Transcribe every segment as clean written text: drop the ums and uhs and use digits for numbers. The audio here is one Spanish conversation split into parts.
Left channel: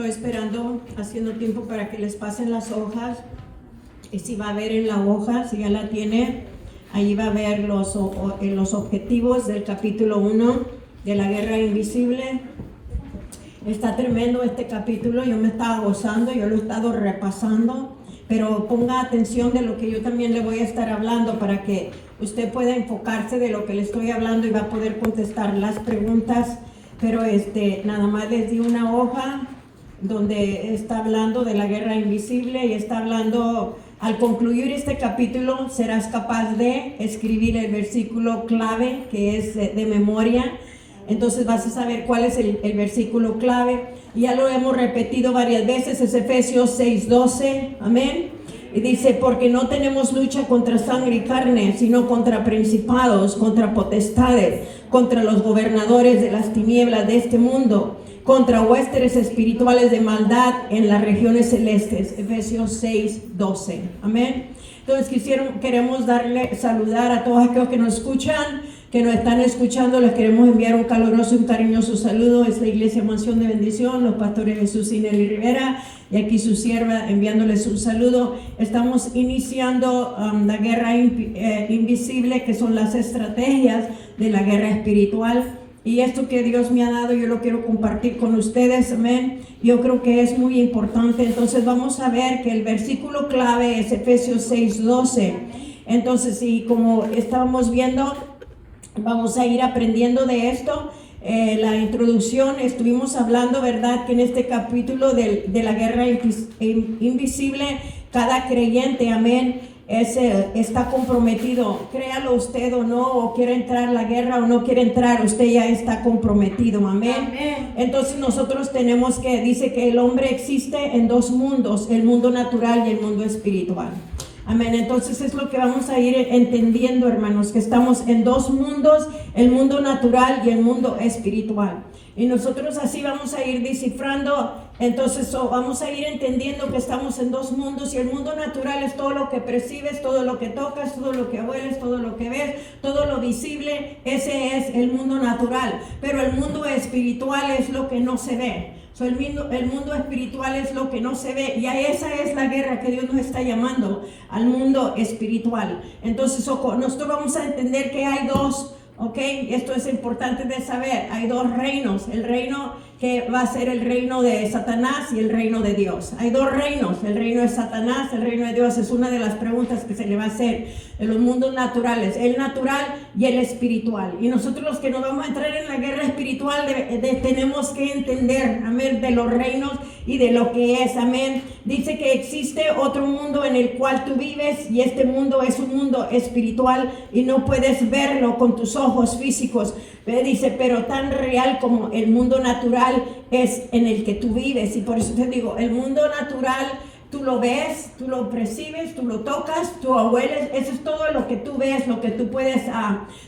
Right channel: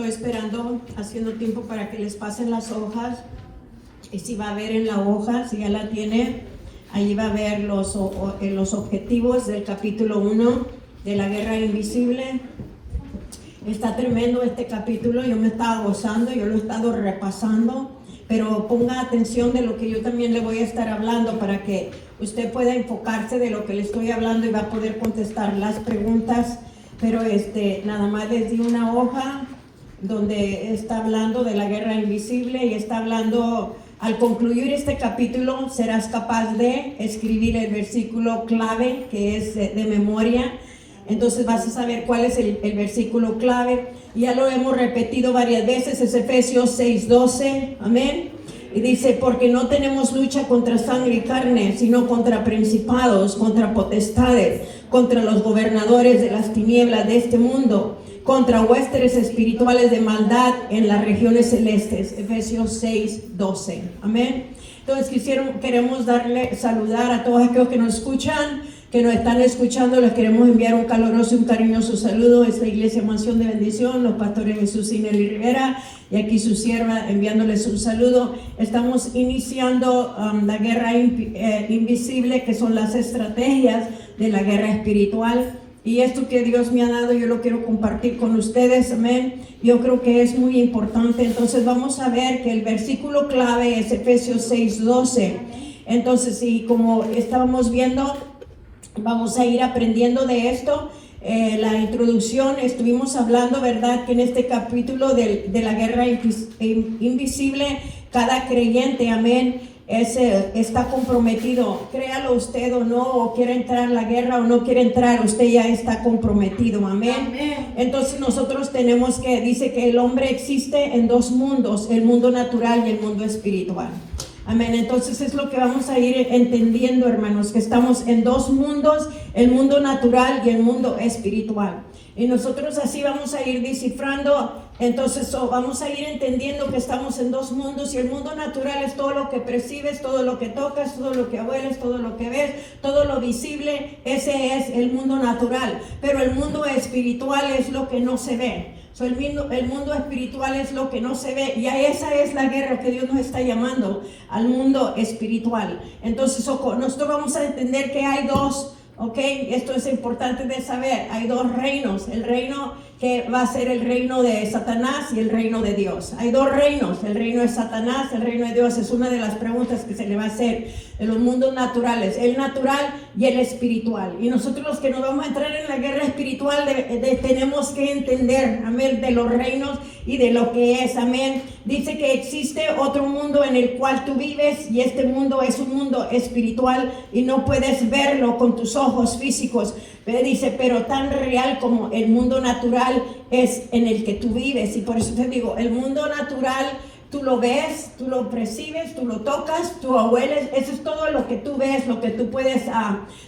Estoy esperando, haciendo tiempo para que les pasen las hojas. Y si va a ver en la hoja, si ya la tiene, ahí va a ver los objetivos del capítulo 1 de la guerra invisible. Está tremendo este capítulo, yo me estaba gozando, yo lo he estado repasando, pero ponga atención de lo que yo también le voy a estar hablando para que usted pueda enfocarse de lo que le estoy hablando y va a poder contestar las preguntas. Pero nada más les di una hoja donde está hablando de la guerra invisible y está hablando, al concluir este capítulo serás capaz de escribir el versículo clave que es de memoria. Entonces vas a saber cuál es el versículo clave. Ya lo hemos repetido varias veces, es Efesios 6:12, amén. Y dice, porque no tenemos lucha contra sangre y carne, sino contra principados, contra potestades, contra los gobernadores de las tinieblas de este mundo, contra huestes espirituales de maldad en las regiones celestes. Efesios 6:12, amén. Entonces queremos saludar a todos aquellos que nos escuchan, que nos están escuchando. Les queremos enviar un caluroso y un cariñoso saludo. Es la Iglesia Mansión de Bendición, los pastores Jesús y Nelly Rivera, y aquí su sierva enviándoles un saludo. Estamos iniciando la guerra invisible, que son las estrategias de la guerra espiritual. Y esto que Dios me ha dado, yo lo quiero compartir con ustedes, amén. Yo creo que es muy importante. Entonces vamos a ver que el versículo clave es Efesios 6:12. Entonces, y como estábamos viendo, vamos a ir aprendiendo de esto. La introducción, estuvimos hablando, ¿verdad?, que en este capítulo de la guerra invisible, cada creyente, amén, está comprometido, créalo usted o no, o quiere entrar a la guerra o no quiere entrar, usted ya está comprometido, amén. Entonces nosotros tenemos que, dice que el hombre existe en dos mundos, el mundo natural y el mundo espiritual. Amén. Entonces es lo que vamos a ir entendiendo, hermanos, que estamos en dos mundos, el mundo natural y el mundo espiritual. Y nosotros así vamos a ir descifrando. Entonces vamos a ir entendiendo que estamos en dos mundos, y el mundo natural es todo lo que percibes, todo lo que tocas, todo lo que hueles, todo lo que ves, todo lo visible. Ese es el mundo natural. Pero el mundo espiritual es lo que no se ve. El mundo espiritual es lo que no se ve, y a esa es la guerra que Dios nos está llamando, al mundo espiritual. Entonces nosotros vamos a entender que hay dos, ¿ok? Esto es importante de saber. Hay dos reinos, el reino que va a ser el reino de Satanás y el reino de Dios. Hay dos reinos, el reino de Satanás, el reino de Dios. Es una de las preguntas que se le va a hacer de los mundos naturales, el natural y el espiritual. Y nosotros los que nos vamos a entrar en la guerra espiritual tenemos que entender, amén, de los reinos y de lo que es, amén. Dice que existe otro mundo en el cual tú vives, y este mundo es un mundo espiritual y no puedes verlo con tus ojos físicos. Dice, pero tan real como el mundo natural es en el que tú vives. Y por eso te digo, el mundo natural tú lo ves, tú lo percibes, tú lo tocas, tú lo hueles. Eso es todo lo que tú ves, lo que tú puedes,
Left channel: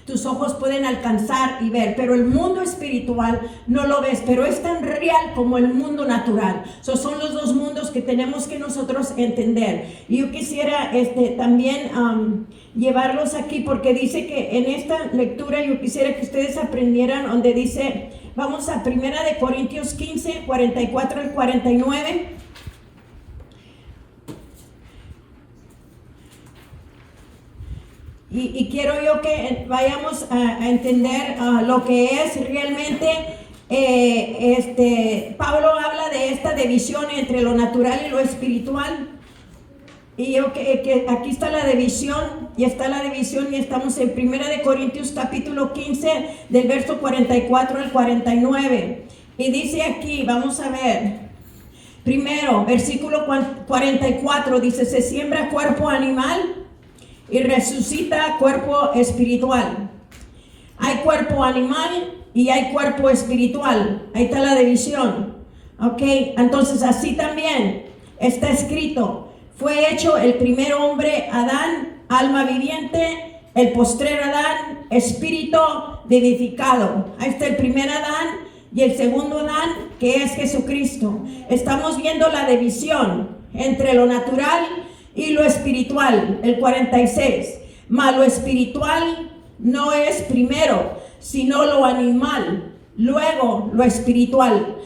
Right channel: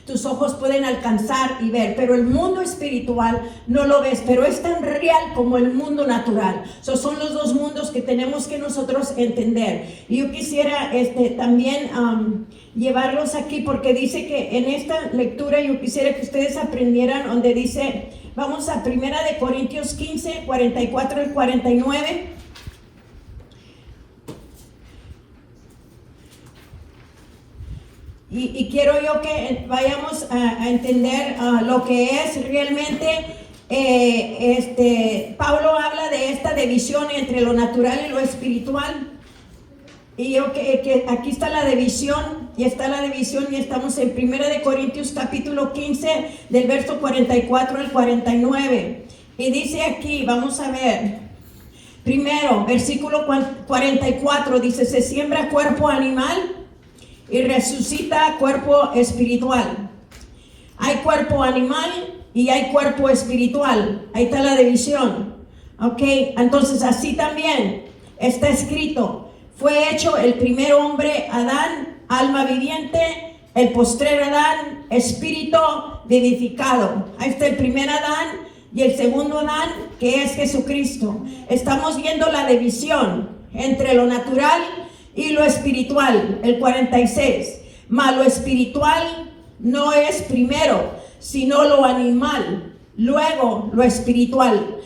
tus ojos pueden alcanzar y ver. Pero el mundo espiritual no lo ves, pero es tan real como el mundo natural. Son los dos mundos que tenemos que nosotros entender. Y yo quisiera también llevarlos aquí, porque dice que en esta lectura yo quisiera que ustedes aprendieran donde dice, vamos a 1 Corintios 15, 44 al 49. Y quiero yo que vayamos a entender lo que es realmente, Pablo habla de esta división entre lo natural y lo espiritual. Y yo que aquí está la división, y estamos en 1 Corintios capítulo 15, del verso 44 al 49. Y dice aquí, vamos a ver, primero, versículo 44, dice, se siembra cuerpo animal y resucita cuerpo espiritual. Hay cuerpo animal y hay cuerpo espiritual. Ahí está la división. Ok, entonces así también está escrito, fue hecho el primer hombre Adán, alma viviente, el postrer Adán, espíritu vivificado. Ahí está el primer Adán y el segundo Adán, que es Jesucristo. Estamos viendo la división entre lo natural y lo espiritual, el 46. Mas lo espiritual no es primero, sino lo animal, luego lo espiritual.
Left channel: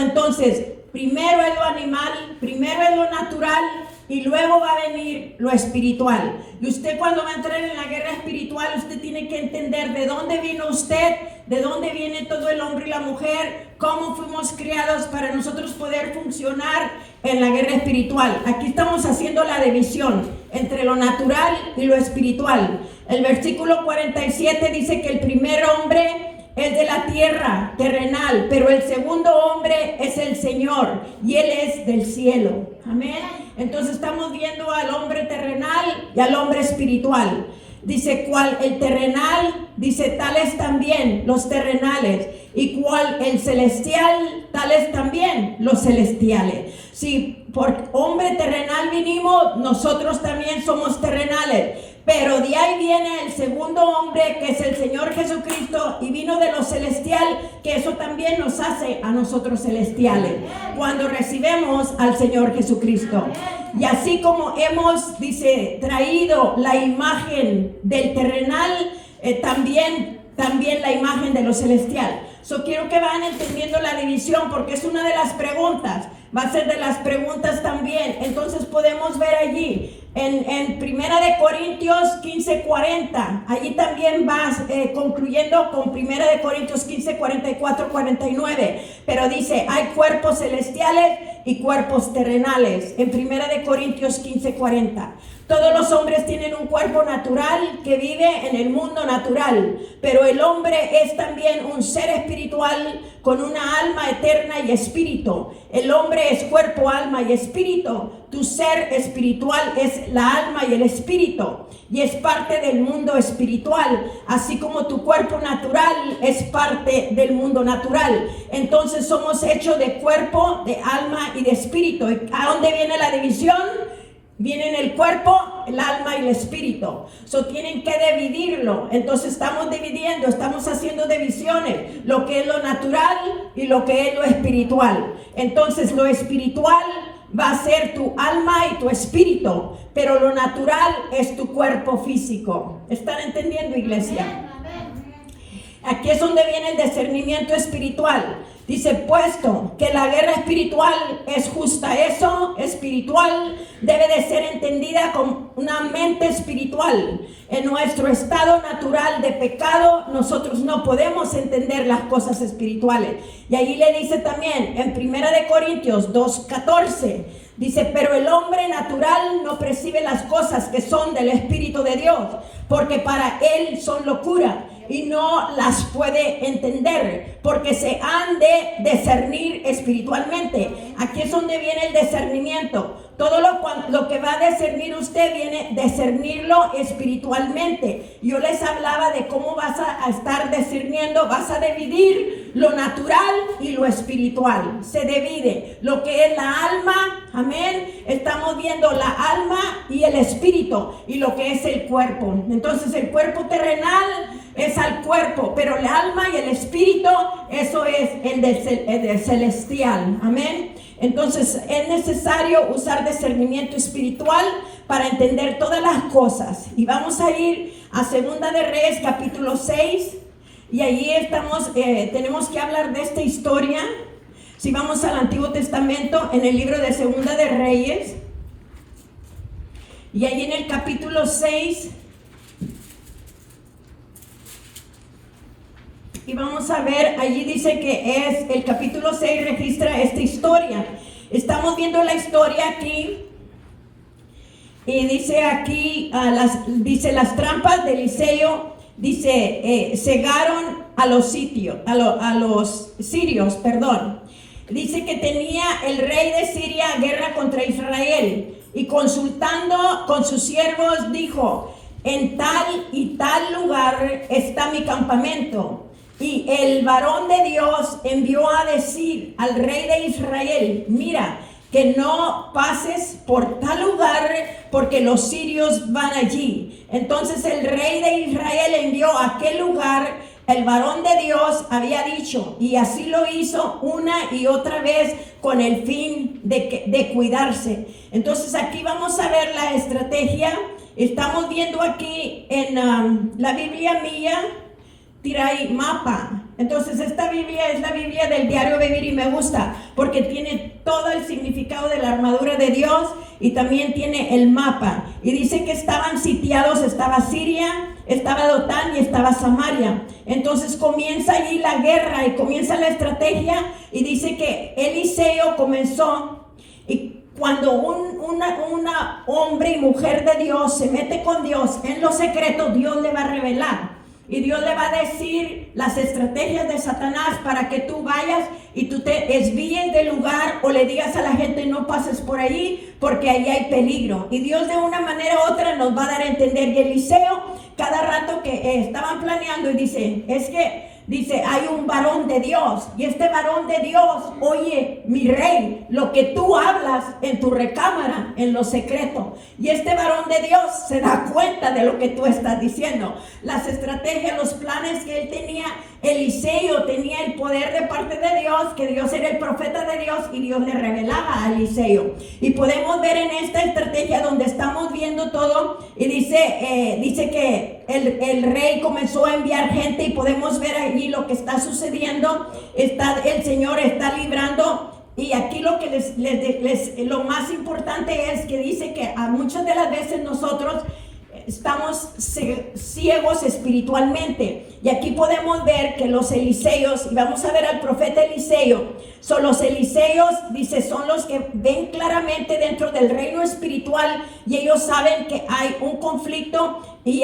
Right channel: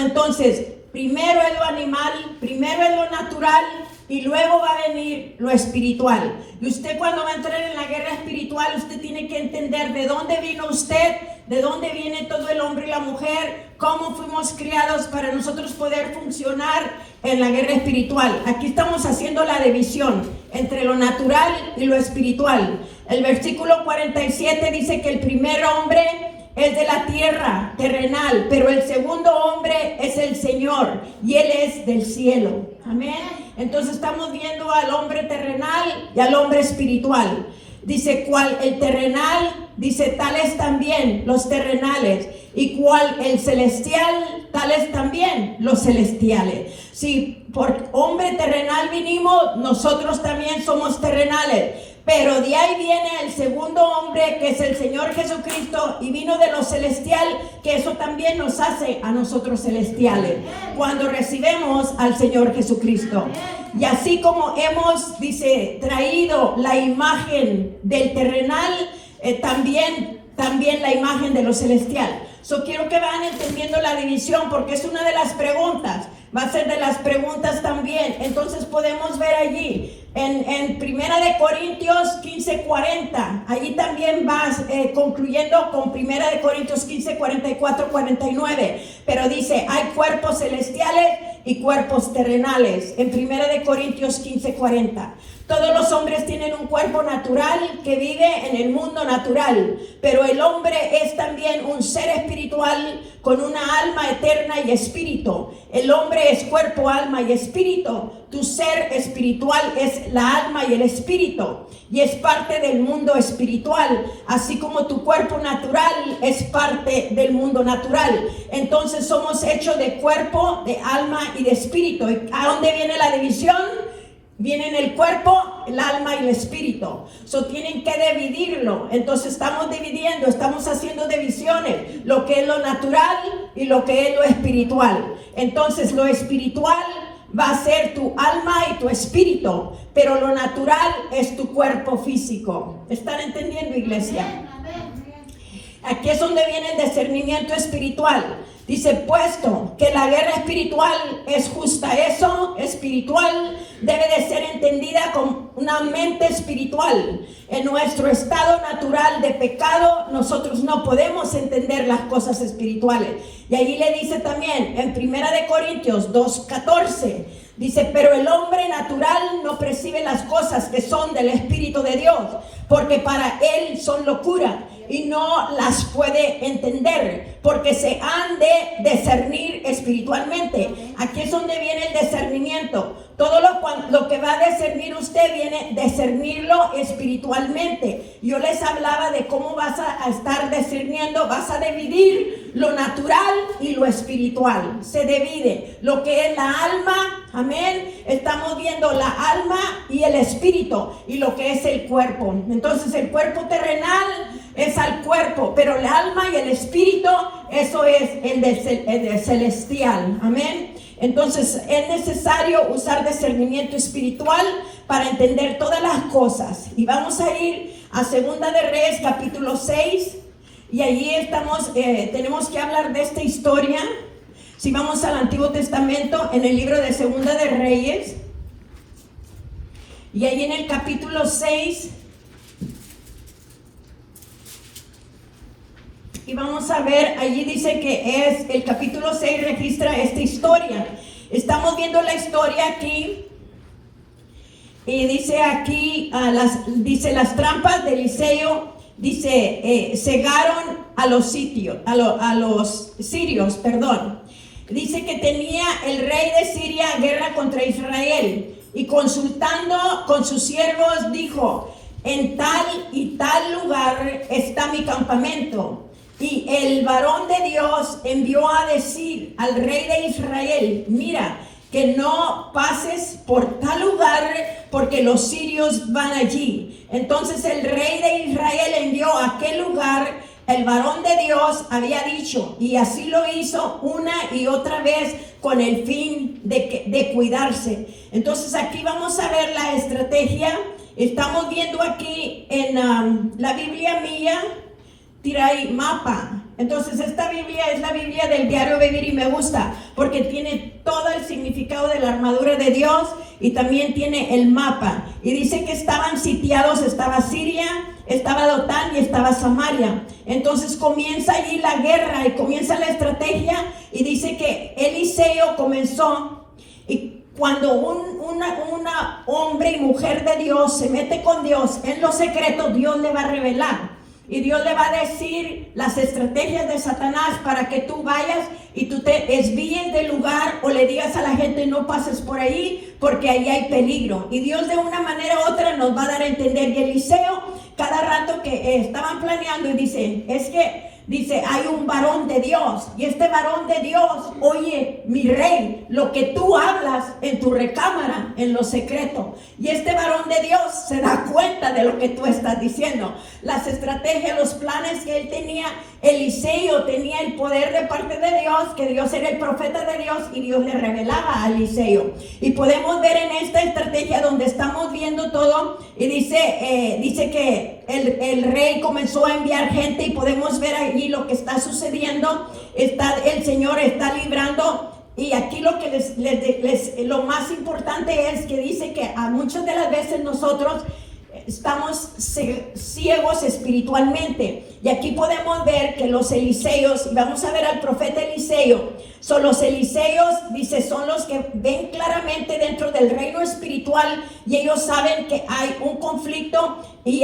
Entonces, Primero es lo animal, primero es lo natural y luego va a venir lo espiritual. Y usted cuando va a entrar en la guerra espiritual, usted tiene que entender de dónde vino usted, de dónde viene todo el hombre y la mujer, cómo fuimos creados para nosotros poder funcionar en la guerra espiritual. Aquí estamos haciendo la división entre lo natural y lo espiritual. El versículo 47 dice que el primer hombre es de la tierra, terrenal, pero el segundo hombre es el Señor y Él es del cielo. Amén. Entonces estamos viendo al hombre terrenal y al hombre espiritual. Dice, ¿cuál el terrenal? Dice, tales también los terrenales. ¿Y cuál el celestial? Tales también los celestiales. Si por hombre terrenal vinimos, nosotros también somos terrenales. Pero de ahí viene el segundo hombre, que es el Señor Jesucristo, y vino de lo celestial, que eso también nos hace a nosotros celestiales, cuando recibimos al Señor Jesucristo. Y así como hemos, dice, traído la imagen del terrenal, también la imagen de lo celestial. Quiero que vayan entendiendo la división, porque es una de las preguntas, va a ser de las preguntas también. Entonces podemos ver allí, en Primera de Corintios 15:40, allí también vas concluyendo con Primera de Corintios 15:44-49, pero dice, hay cuerpos celestiales y cuerpos terrenales, en Primera de Corintios 15:40. Todos los hombres tienen un cuerpo natural que vive en el mundo natural, pero el hombre es también un ser espiritual con una alma eterna y espíritu. El hombre es cuerpo, alma y espíritu. Tu ser espiritual es la alma y el espíritu, y es parte del mundo espiritual, así como tu cuerpo natural es parte del mundo natural. Entonces somos hechos de cuerpo, de alma y de espíritu. ¿A dónde viene la división? Viene en el cuerpo, el alma y el espíritu. Tienen que dividirlo. Entonces estamos dividiendo, estamos haciendo divisiones, lo que es lo natural y lo que es lo espiritual. Entonces lo espiritual va a ser tu alma y tu espíritu, pero lo natural es tu cuerpo físico. ¿Están entendiendo, iglesia? Aquí es donde viene el discernimiento espiritual. Dice, puesto que la guerra espiritual es justa, eso espiritual debe de ser entendida con una mente espiritual. En nuestro estado natural de pecado, nosotros no podemos entender las cosas espirituales. Y allí le dice también, en Primera de Corintios 2:14, dice, pero el hombre natural no percibe las cosas que son del Espíritu de Dios, porque para él son locura y no las puede entender, porque se han de discernir espiritualmente. Aquí es donde viene el discernimiento. Todo lo que va a discernir usted viene a discernirlo espiritualmente. Yo les hablaba de cómo vas a estar discerniendo, vas a dividir lo natural y lo espiritual. Se divide lo que es la alma, amén. Estamos viendo la alma y el espíritu, y lo que es el cuerpo. Entonces el cuerpo terrenal es al cuerpo, pero el alma y el espíritu, eso es el de celestial, amén. Entonces es necesario usar discernimiento espiritual para entender todas las cosas. Y vamos a ir a Segunda de Reyes capítulo 6, y allí tenemos que hablar de esta historia. Si vamos al Antiguo Testamento, en el libro de Segunda de Reyes, y allí en el capítulo 6, y vamos a ver, allí dice que es el capítulo 6, registra esta historia. Estamos viendo la historia aquí, y dice aquí, las trampas de Eliseo, dice, cegaron a los sirios, perdón. Dice que tenía el rey de Siria guerra contra Israel, y consultando con sus siervos dijo, en tal y tal lugar está mi campamento. Y el varón de Dios envió a decir al rey de Israel, mira, que no pases por tal lugar, porque los sirios van allí. Entonces el rey de Israel envió a aquel lugar. El varón de Dios había dicho, y así lo hizo una y otra vez con el fin de cuidarse. Entonces aquí vamos a ver la estrategia. Estamos viendo aquí en la Biblia mía, tira ahí mapa. Entonces esta Biblia es la Biblia del diario vivir, y me gusta porque tiene todo el significado de la armadura de Dios y también tiene el mapa. Y dice que estaban sitiados, estaba Siria, estaba Dotán y estaba Samaria. Entonces comienza allí la guerra y comienza la estrategia y dice que Eliseo comenzó, y cuando una hombre y mujer de Dios se mete con Dios en lo secreto, Dios le va a revelar. Y Dios le va a decir las estrategias de Satanás para que tú vayas y tú te desvíes del lugar o le digas a la gente no pases por ahí porque allí hay peligro. Y Dios de una manera u otra nos va a dar a entender. Y Eliseo, cada rato que estaban planeando, y dice, hay un varón de Dios, y este varón de Dios, oye, mi rey, lo que tú hablas en tu recámara, en lo secreto, y este varón de Dios se da cuenta de lo que tú estás diciendo. Las estrategias, los planes que él tenía, Eliseo tenía el poder de parte de Dios, que Dios era el profeta de Dios, y Dios le revelaba a Eliseo. Y podemos ver en esta estrategia donde estamos viendo todo, y dice que el rey comenzó a enviar gente, y podemos ver allí lo que está sucediendo. El Señor está librando. Y aquí lo que lo más importante es que dice que a muchas de las veces nosotros estamos ciegos espiritualmente. Y aquí podemos ver que los Eliseos, y vamos a ver al profeta Eliseo, son los Eliseos, dice, son los que ven claramente dentro del reino espiritual, y ellos saben que hay un conflicto y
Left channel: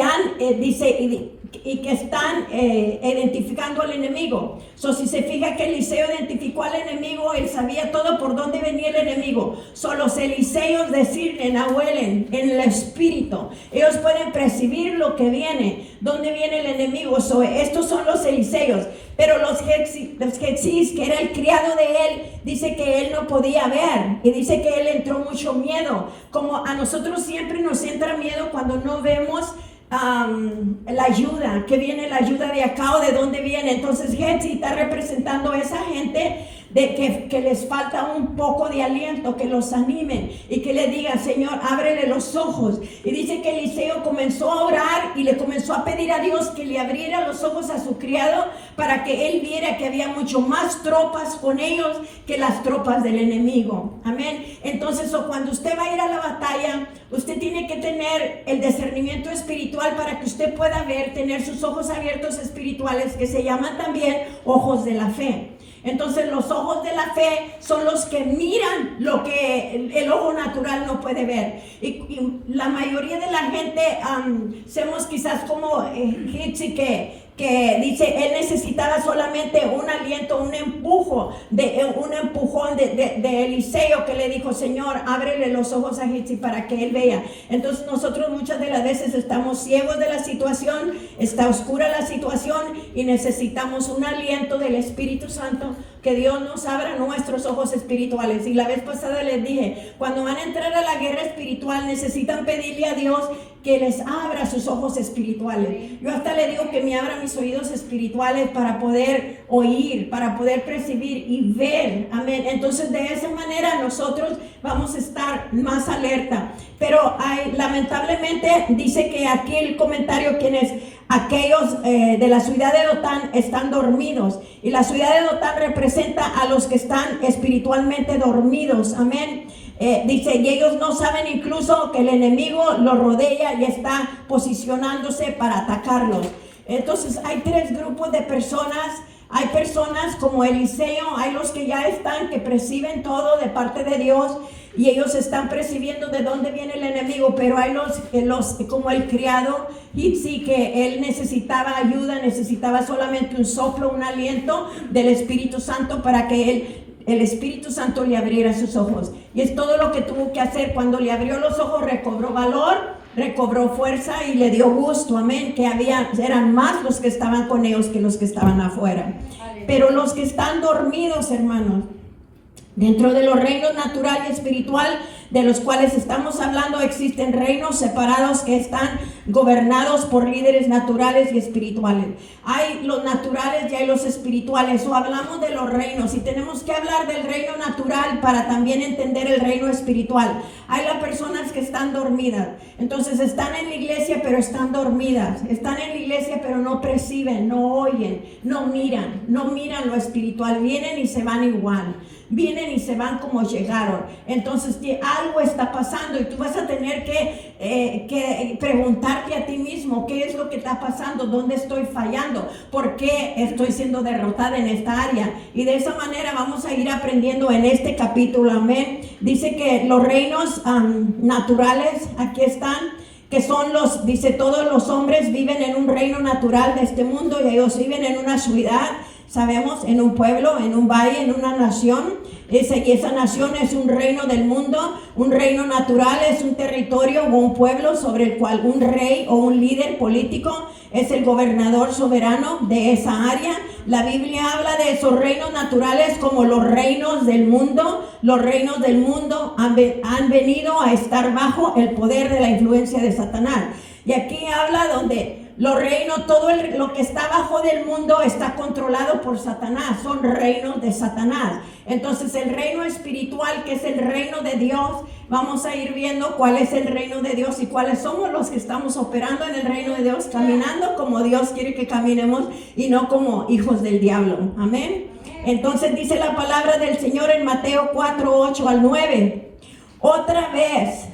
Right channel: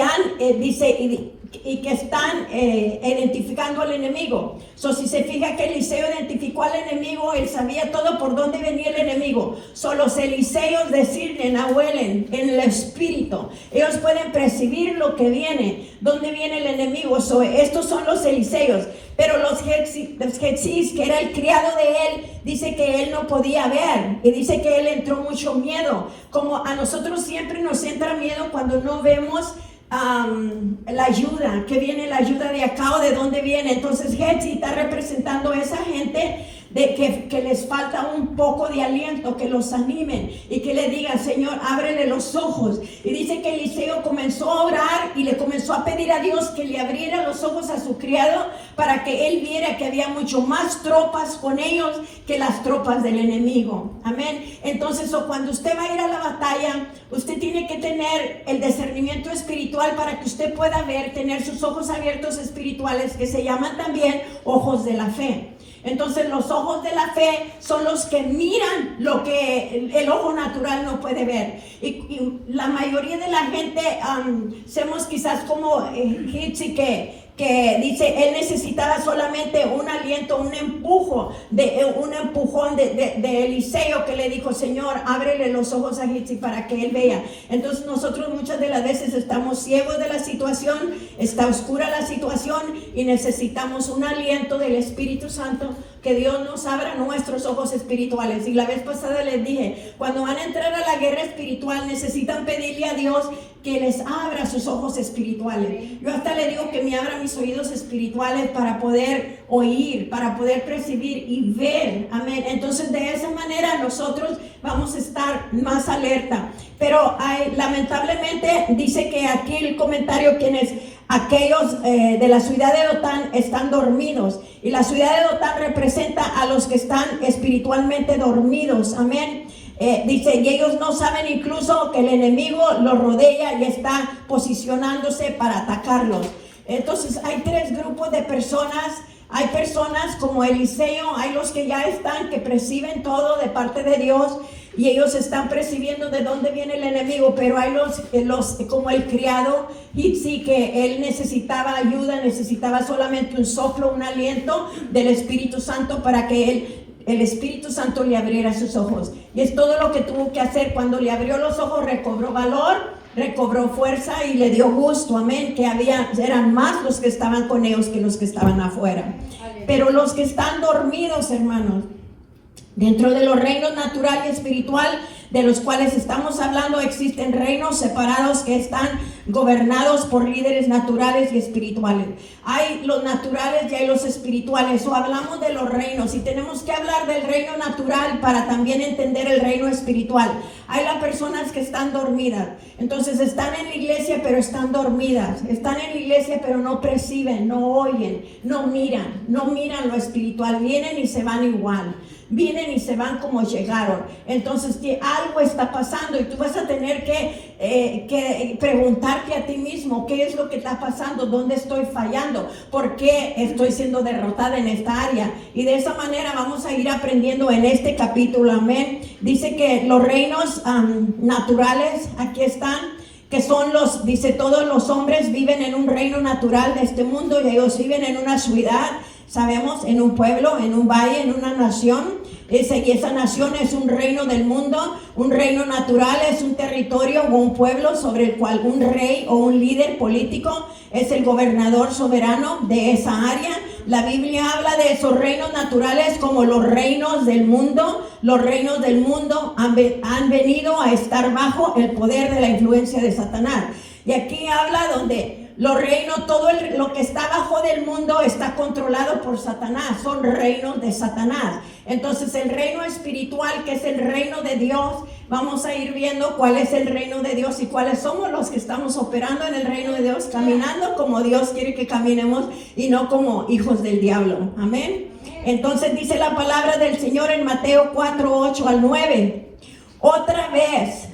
que están identificando al enemigo. Si se fija que Eliseo identificó al enemigo, él sabía todo por dónde venía el enemigo. Son los Eliseos disciernen, huelen en el espíritu. Ellos pueden percibir lo que viene, dónde viene el enemigo. Estos son los Eliseos. Pero los Getsís, que era el criado de él, dice que él no podía ver, y dice que él entró mucho miedo. Como a nosotros siempre nos entra miedo cuando no vemos la ayuda, que viene la ayuda de acá o de dónde viene. Entonces Getsí está representando a esa gente de que les falta un poco de aliento, que los animen y que le digan, Señor, ábrele los ojos. Y dice que Eliseo comenzó a orar y le comenzó a pedir a Dios que le abriera los ojos a su criado para que él viera que había mucho más tropas con ellos que las tropas del enemigo. Amén. Entonces, cuando usted va a ir a la batalla, usted tiene que tener el discernimiento espiritual para que usted pueda ver, tener sus ojos abiertos espirituales, que se llaman también ojos de la fe. Entonces los ojos de la fe son los que miran lo que el ojo natural no puede ver. Y la mayoría de la gente somos quizás como Getsí, que dice, él necesitaba solamente un aliento, un empujón de Eliseo, que le dijo, Señor, ábrele los ojos a Getsí para que él vea. Entonces nosotros muchas de las veces estamos ciegos de la situación, está oscura la situación, y necesitamos un aliento del Espíritu Santo, que Dios nos abra nuestros ojos espirituales. Y la vez pasada les dije, cuando van a entrar a la guerra espiritual, necesitan pedirle a Dios que les abra sus ojos espirituales. Yo hasta le digo que me abra mis oídos espirituales para poder oír, para poder percibir y ver. Amén. Entonces de esa manera nosotros vamos a estar más alerta. Pero lamentablemente dice que aquí el comentario, quienes aquellos de la ciudad de Dotán están dormidos, y la ciudad de Dotán representa a los que están espiritualmente dormidos. Amén. Dice, y ellos no saben incluso que el enemigo los rodea y está posicionándose para atacarlos. Entonces hay tres grupos de personas. Hay personas como Eliseo, hay los que ya están, que perciben todo de parte de Dios, y ellos están percibiendo de dónde viene el enemigo. Pero hay los como el criado Getsí, que él necesitaba ayuda, necesitaba solamente un soplo, un aliento del Espíritu Santo para que el Espíritu Santo le abriera sus ojos. Y es todo lo que tuvo que hacer. Cuando le abrió los ojos, recobró valor, recobró fuerza y le dio gusto. Amén. Que eran más los que estaban con ellos que los que estaban afuera. Pero los que están dormidos, hermanos, dentro de los reinos natural y espiritual de los cuales estamos hablando, existen reinos separados que están gobernados por líderes naturales y espirituales. Hay los naturales y hay los espirituales. O hablamos de los reinos, y tenemos que hablar del reino natural para también entender el reino espiritual. Hay las personas que están dormidas. Entonces están en la iglesia pero están dormidas. Están en la iglesia pero no perciben, no oyen, no miran lo espiritual. Vienen y se van igual. vienen y se van como llegaron. Entonces que algo está pasando y tú vas a tener que preguntarte a ti mismo, ¿qué es lo que está pasando? ¿Dónde estoy fallando? ¿Por qué estoy siendo derrotada en esta área? Y de esa manera vamos a ir aprendiendo en este capítulo, amén. Dice que los reinos naturales, aquí están, que son dice, todos los hombres viven en un reino natural de este mundo y ellos viven en una ciudad, sabemos, en un pueblo, en un valle, en una nación. Y esa nación es un reino del mundo. Un reino natural es un territorio o un pueblo sobre el cual un rey o un líder político es el gobernador soberano de esa área. La Biblia habla de esos reinos naturales como los reinos del mundo. Los reinos del mundo han venido a estar bajo el poder de la influencia de Satanás. Y aquí habla donde los reinos, lo que está abajo del mundo está controlado por Satanás, son reinos de Satanás. Entonces el reino espiritual, que es el reino de Dios, vamos a ir viendo cuál es el reino de Dios y cuáles somos los que estamos operando en el reino de Dios, caminando como Dios quiere que caminemos y no como hijos del diablo. Amén. Entonces dice la palabra del Señor en Mateo 4, 8 al 9. Otra vez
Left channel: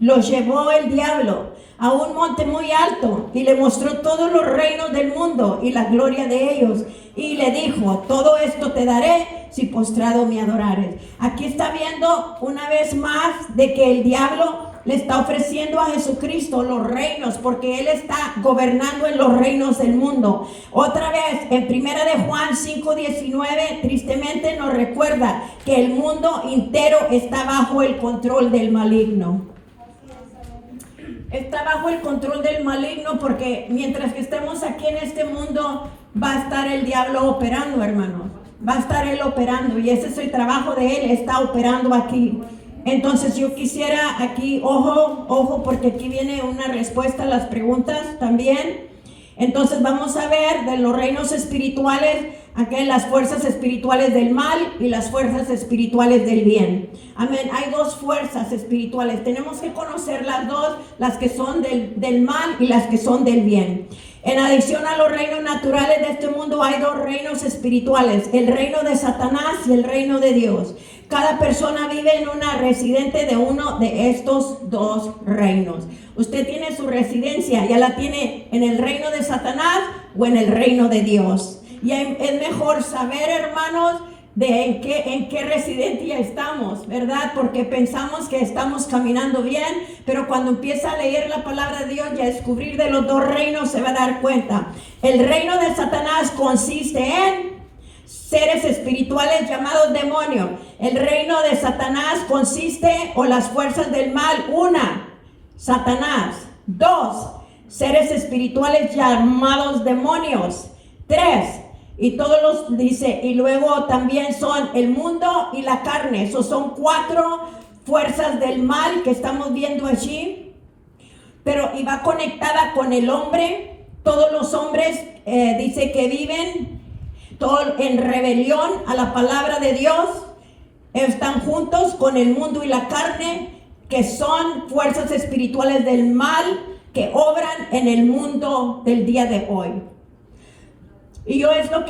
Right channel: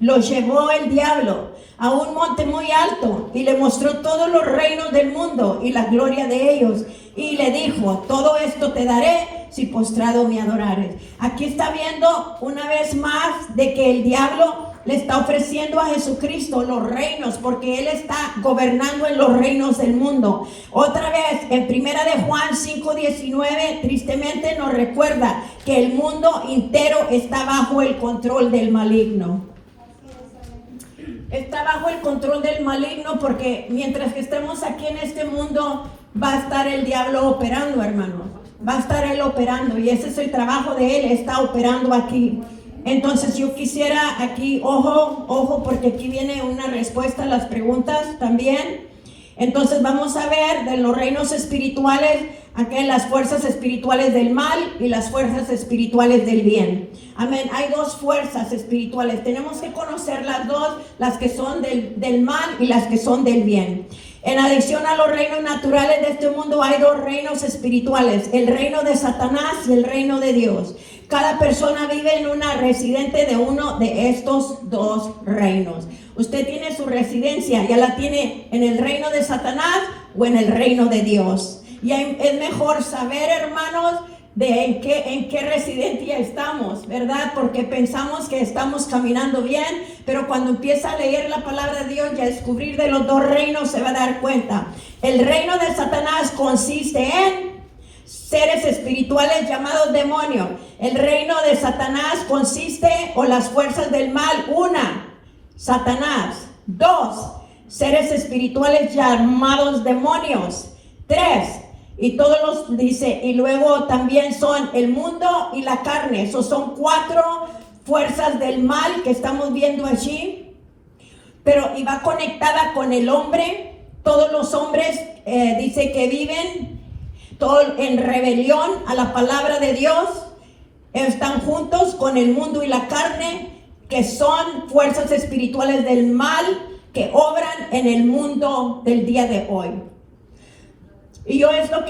los llevó el diablo a un monte muy alto y le mostró todos los reinos del mundo y la gloria de ellos. Y le dijo, todo esto te daré si postrado me adorares. Aquí está viendo una vez más de que el diablo le está ofreciendo a Jesucristo los reinos, porque Él está gobernando en los reinos del mundo. Otra vez, en 1 de Juan 5:19, tristemente nos recuerda que el mundo entero está bajo el control del maligno. Está bajo el control del maligno, porque mientras que estemos aquí en este mundo, va a estar el diablo operando, hermano. Va a estar él operando, y ese es el trabajo de él, está operando aquí. Entonces yo quisiera aquí, ojo, porque aquí viene una respuesta a las preguntas también. Entonces vamos a ver de los reinos espirituales, aquí las fuerzas espirituales del mal y las fuerzas espirituales del bien. Amén. Hay dos fuerzas espirituales. Tenemos que conocer las dos, las que son del mal y las que son del bien. En adición a los reinos naturales de este mundo, hay dos reinos espirituales: el reino de Satanás y el reino de Dios. Cada persona vive en una residente de uno de estos dos reinos. Usted tiene su residencia, ya la tiene en el reino de Satanás o en el reino de Dios. Y es mejor saber, hermanos, de en qué residencia estamos, ¿verdad? Porque pensamos que estamos caminando bien, pero cuando empieza a leer la palabra de Dios y a descubrir de los dos reinos, se va a dar cuenta. El reino de Satanás consiste en seres espirituales llamados demonios. El reino de Satanás consiste, o las fuerzas del mal: una, Satanás; dos, seres espirituales llamados demonios; tres, y todos los, dice, y luego también son el mundo y la carne. Esos son cuatro fuerzas del mal que estamos viendo allí. Pero y va conectada con el hombre. Todos los hombres, dice que viven todo en rebelión a la palabra de Dios. Están juntos con el mundo y la carne, que son fuerzas espirituales del mal que obran en el mundo del día de hoy. Y yo es lo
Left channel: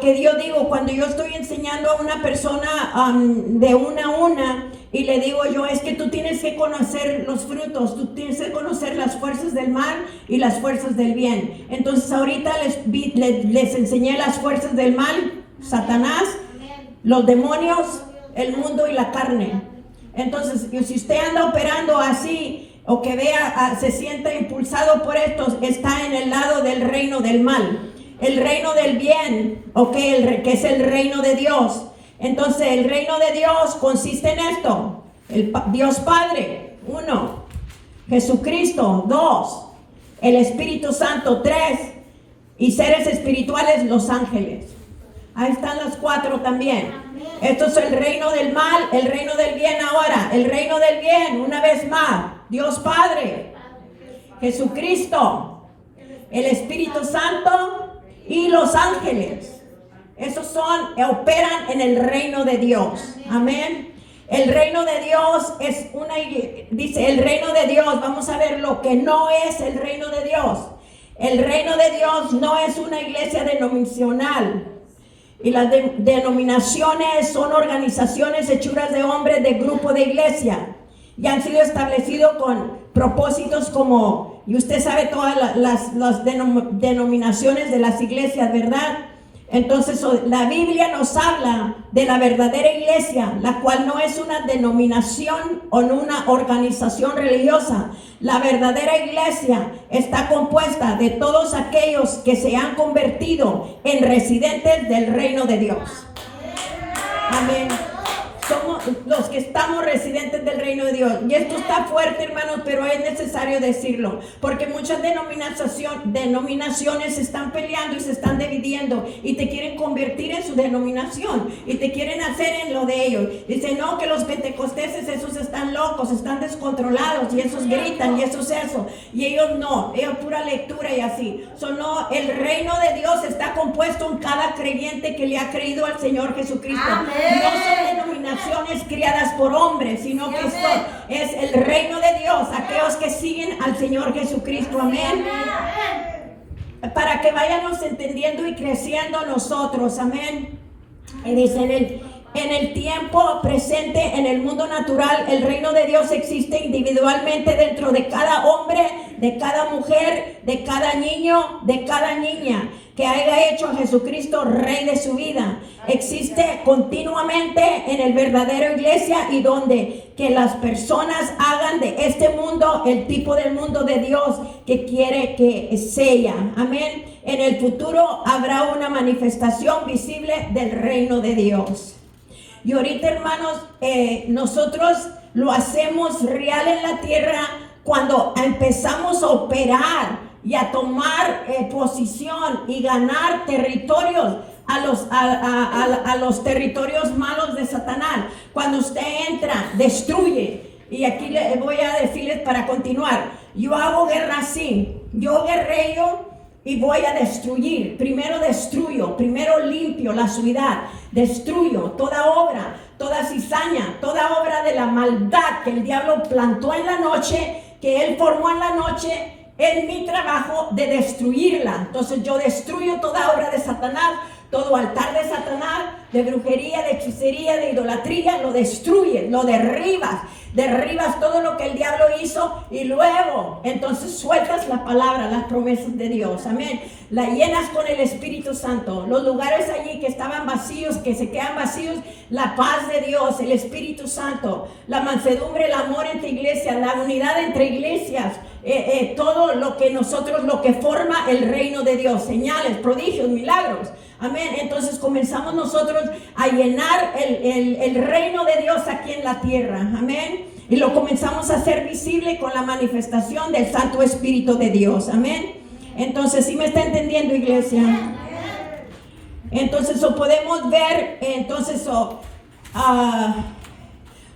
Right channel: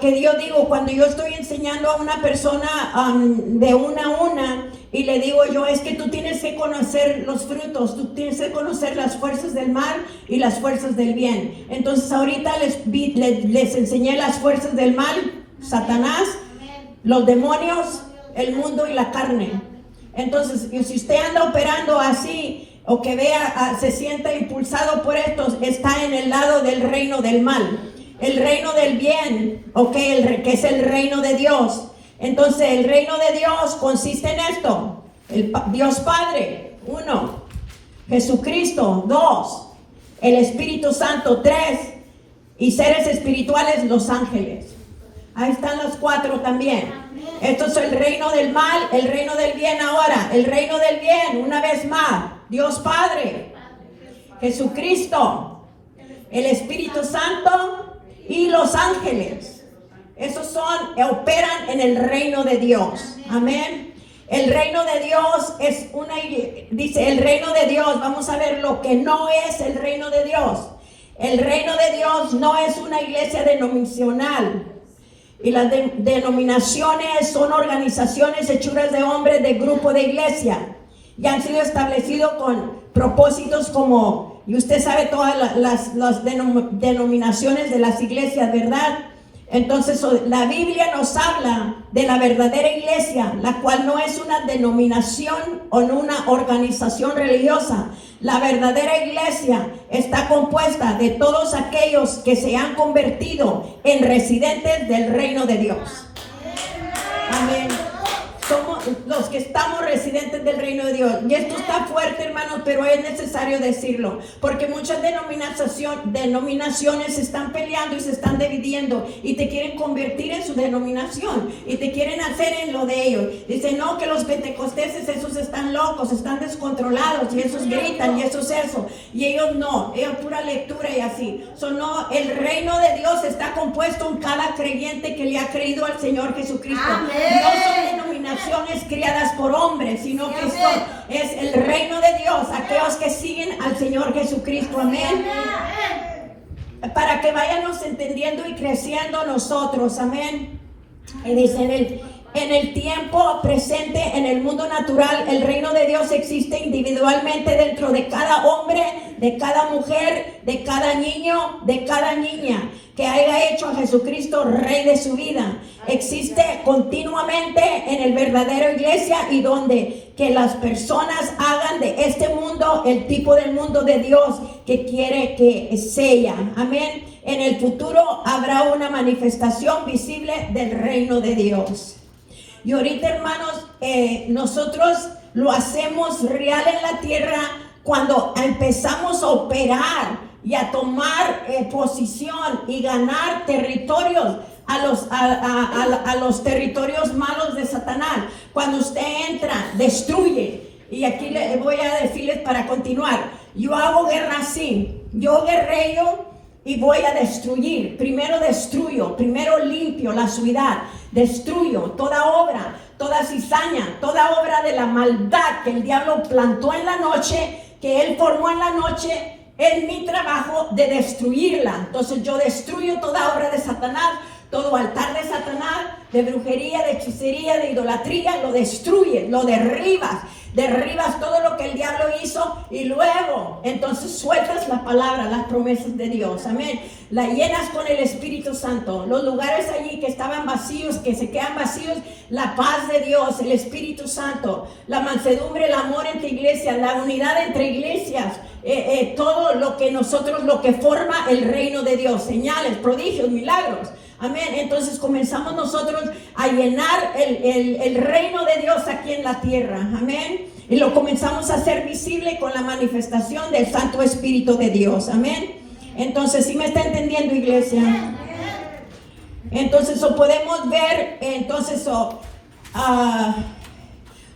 que yo digo cuando yo estoy enseñando a una persona de una a una, y le digo yo, es que tú tienes que conocer los frutos, tú tienes que conocer las fuerzas del mal y las fuerzas del bien. Entonces ahorita les enseñé las fuerzas del mal: Satanás, los demonios, el mundo y la carne. Entonces, si usted anda operando así, o que vea, se sienta impulsado por estos, está en el lado del reino del mal. El reino del bien, que es el reino de Dios. Entonces el reino de Dios consiste en esto: Dios Padre, 1; Jesucristo, 2; el Espíritu Santo, 3; y seres espirituales, los ángeles. Ahí están los cuatro también. Esto es el reino del mal, el reino del bien. Ahora, el reino del bien, una vez más: Dios Padre, Jesucristo, el Espíritu Santo y los ángeles. Esos operan en el reino de Dios. Amén. El reino de Dios es dice el reino de Dios. Vamos a ver lo que no es el reino de Dios. El reino de Dios no es una iglesia denominacional. Y las denominaciones son organizaciones hechuras de hombres de grupo de iglesia y han sido establecidos con propósitos como, y usted sabe todas las denominaciones de las iglesias, ¿verdad? Entonces la Biblia nos habla de la verdadera iglesia, la cual no es una denominación o una organización religiosa. La verdadera iglesia está compuesta de todos aquellos que se han convertido en residentes del reino de Dios. Amén. Somos los que estamos residentes del reino de Dios. Y esto está fuerte, hermanos, pero es necesario decirlo. Porque muchas denominaciones se están peleando y se están dividiendo. Y te quieren convertir en su denominación. Y te quieren hacer en lo de ellos. Dicen, no, que los pentecosteses, esos están locos, están descontrolados. Y esos gritan, y esos eso. Y ellos no, ellos pura lectura y así. No, el reino de Dios está compuesto en cada creyente que le ha creído al Señor Jesucristo. Amén. No son denominaciones criadas por hombres, sino que es el reino de Dios, aquellos que siguen al Señor Jesucristo. Amén. Para que vayamos entendiendo y creciendo nosotros. Amén. Y dice en el tiempo presente, en el mundo natural, el reino de Dios existe individualmente dentro de cada hombre, de cada mujer, de cada niño, de cada niña que haya hecho a Jesucristo rey de su vida. Existe continuamente en el verdadero iglesia y donde que las personas hagan de este mundo el tipo de mundo de Dios que quiere que sea. Amén. En el futuro habrá una manifestación visible del reino de Dios. Y ahorita, hermanos, nosotros lo hacemos real en la tierra cuando empezamos a operar y a tomar posición y ganar territorios a los territorios malos de Satanás. Cuando usted entra, destruye. Y aquí le voy a decirles para continuar. Yo hago guerra así. Yo guerreo y voy a destruir. Primero destruyo, primero limpio la ciudad. Destruyo toda obra, toda cizaña, toda obra de la maldad que el diablo plantó en la noche, que él formó en la noche. Es mi trabajo de destruirla. Entonces yo destruyo toda obra de Satanás, todo altar de Satanás, de brujería, de hechicería, de idolatría, lo destruyes, lo derribas todo lo que el diablo hizo y luego entonces sueltas la palabra, las promesas de Dios. Amén. La llenas con el Espíritu Santo. Los lugares allí que estaban vacíos, que se quedan vacíos, la paz de Dios, el Espíritu Santo, la mansedumbre, el amor entre iglesias, la unidad entre iglesias, todo lo que forma el reino de Dios, señales, prodigios, milagros. Amén. Entonces comenzamos nosotros a llenar el reino de Dios aquí en la tierra. Amén. Y lo comenzamos a hacer visible con la manifestación del Santo Espíritu de Dios. Amén. Entonces, ¿sí me está entendiendo, iglesia? Entonces, podemos ver,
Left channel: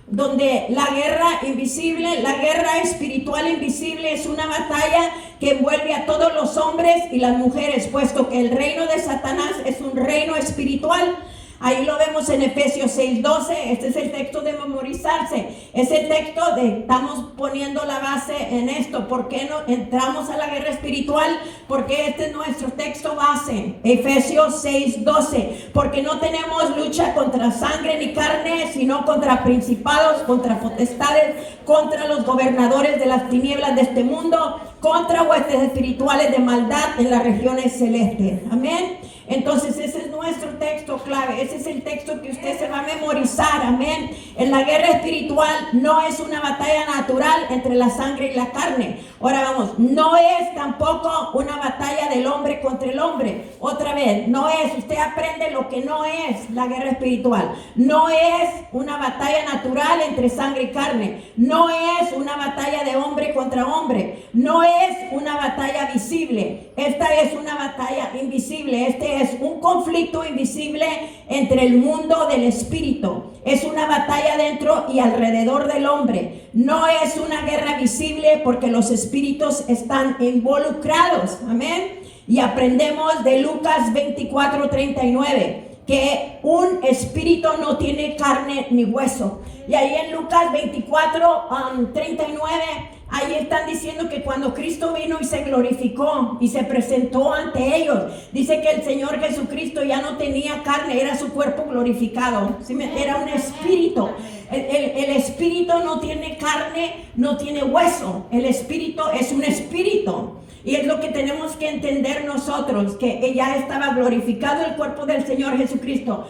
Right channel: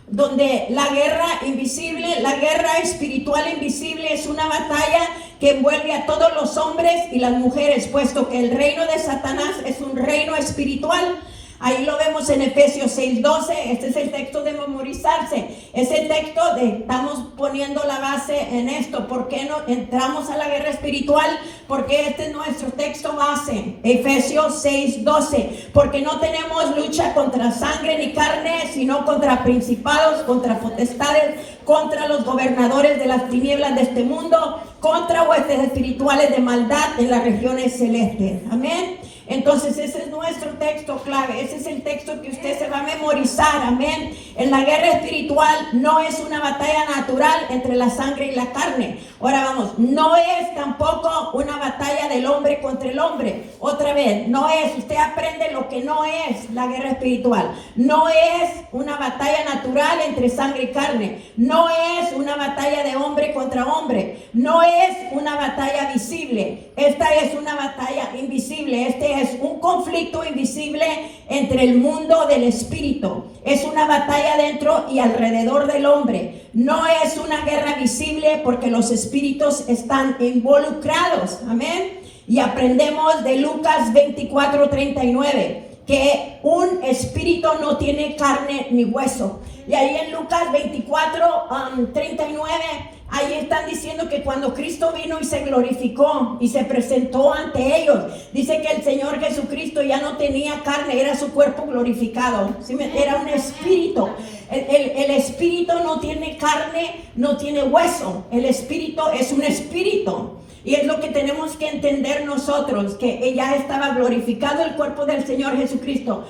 donde la guerra invisible, la guerra espiritual invisible es una batalla que envuelve a todos los hombres y las mujeres, puesto que el reino de Satanás es un reino espiritual. Ahí lo vemos en Efesios 6:12. Este es el texto de memorizarse. Es el texto estamos poniendo la base en esto. ¿Por qué no entramos a la guerra espiritual? Porque este es nuestro texto base. Efesios 6:12. Porque no tenemos lucha contra sangre ni carne, sino contra principados, contra potestades, contra los gobernadores de las tinieblas de este mundo, contra huestes espirituales de maldad en las regiones celestes. Amén. Entonces ese es nuestro texto clave, ese es el texto que usted se va a memorizar. Amén. En la guerra espiritual no es una batalla natural entre la sangre y la carne. Ahora vamos, no es tampoco una batalla del hombre contra el hombre. Otra vez, no es, usted aprende lo que no es la guerra espiritual. No es una batalla natural entre sangre y carne. No es una batalla de hombre contra hombre. No es una batalla visible. Esta es una batalla invisible. Este es un conflicto invisible entre el mundo del espíritu. Es una batalla dentro y alrededor del hombre. No es una guerra visible porque los espíritus están involucrados. Amén. Y aprendemos de Lucas 24:39 que un espíritu no tiene carne ni hueso. Y ahí en Lucas 24:39 Ahí están diciendo que cuando Cristo vino y se glorificó y se presentó ante ellos, dice que el Señor Jesucristo ya no tenía carne, era su cuerpo glorificado, ¿sí? Era un espíritu. El espíritu no tiene carne, no tiene hueso. El espíritu es un espíritu. Y es lo que tenemos que entender nosotros, que ya estaba glorificado el cuerpo del Señor Jesucristo.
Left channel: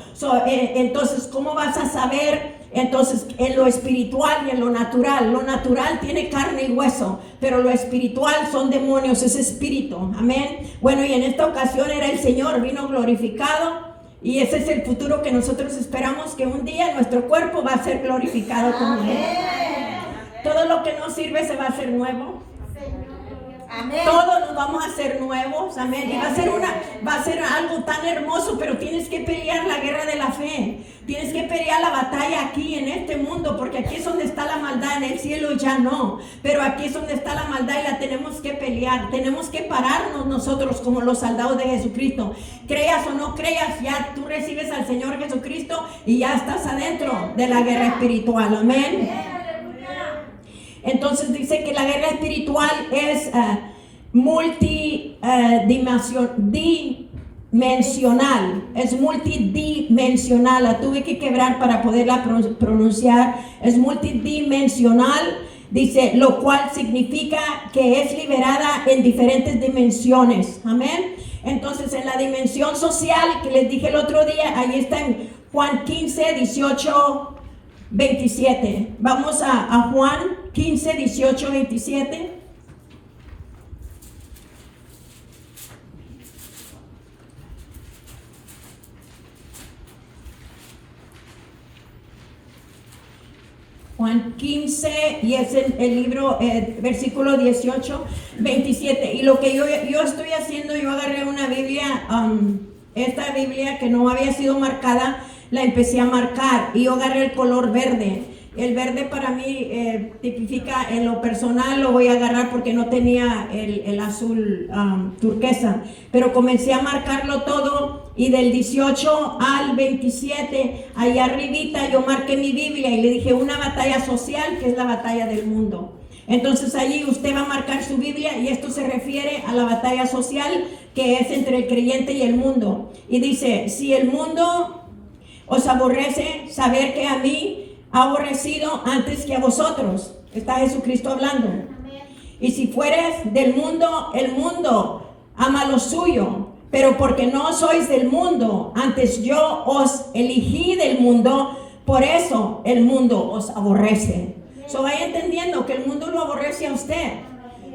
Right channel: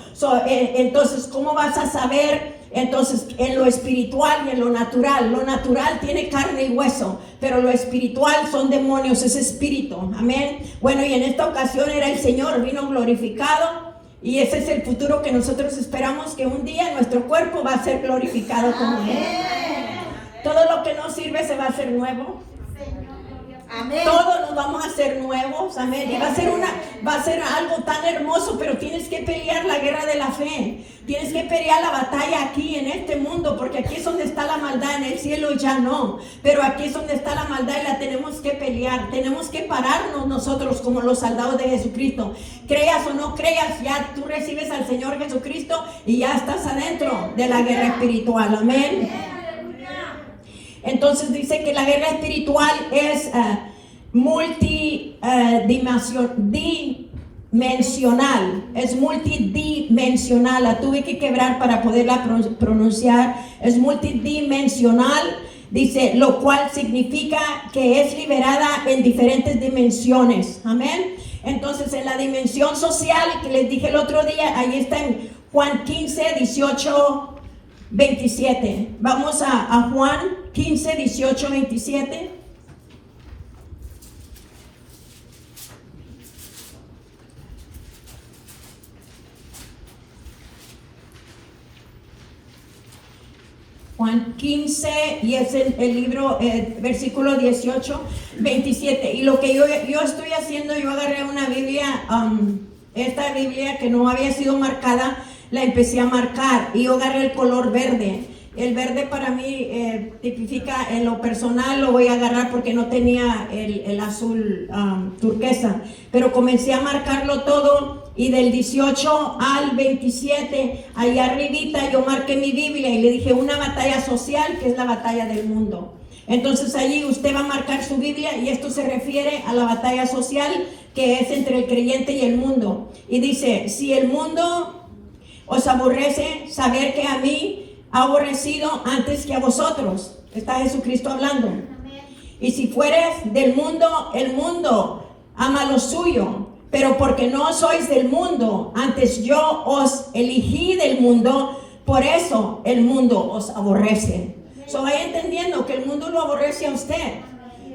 Entonces, ¿cómo vas a saber? Entonces, en lo espiritual y en lo natural tiene carne y hueso, pero lo espiritual son demonios, es espíritu. Amén. Bueno, y en esta ocasión era el Señor, vino glorificado. Y ese es el futuro que nosotros esperamos, que un día nuestro cuerpo va a ser glorificado como Él. Todo lo que no sirve se va a hacer nuevo. Amén. Todos nos vamos a hacer nuevos, amén. Y va a ser algo tan hermoso, pero tienes que pelear la guerra de la fe. Tienes que pelear la batalla aquí en este mundo, porque aquí es donde está la maldad, en el cielo ya no. Pero aquí es donde está la maldad y la tenemos que pelear. Tenemos que pararnos nosotros como los soldados de Jesucristo. Creas o no creas, ya tú recibes al Señor Jesucristo y ya estás adentro de la guerra espiritual, amén. Entonces dice que la guerra espiritual es multidimensional, es multidimensional, la tuve que quebrar para poderla pronunciar, es multidimensional, dice, lo cual significa que es liberada en diferentes dimensiones, amén. Entonces en la dimensión social, que les dije el otro día, ahí está en Juan 15, 18, 27. Vamos a Juan 15, 18, 27. Juan 15, y es el libro, versículo 18, 27. Y lo que yo estoy haciendo, yo agarré una Biblia, esta Biblia que no había sido marcada, la empecé a marcar y yo agarré el color verde. El verde para mí tipifica, en lo personal lo voy a agarrar porque no tenía el azul turquesa, pero comencé a marcarlo todo y del 18 al 27, ahí arribita yo marqué mi Biblia y le dije una batalla social, que es la batalla del mundo. Entonces allí usted va a marcar su Biblia y esto se refiere a la batalla social que es entre el creyente y el mundo. Y dice, si el mundo os aborrece, saber que a mí ha aborrecido antes que a vosotros. Está Jesucristo hablando. Y si fueres del mundo, el mundo ama lo suyo. Pero porque no sois del mundo, antes yo os elegí del mundo, por eso el mundo os aborrece. Vaya entendiendo que el mundo lo aborrece a usted,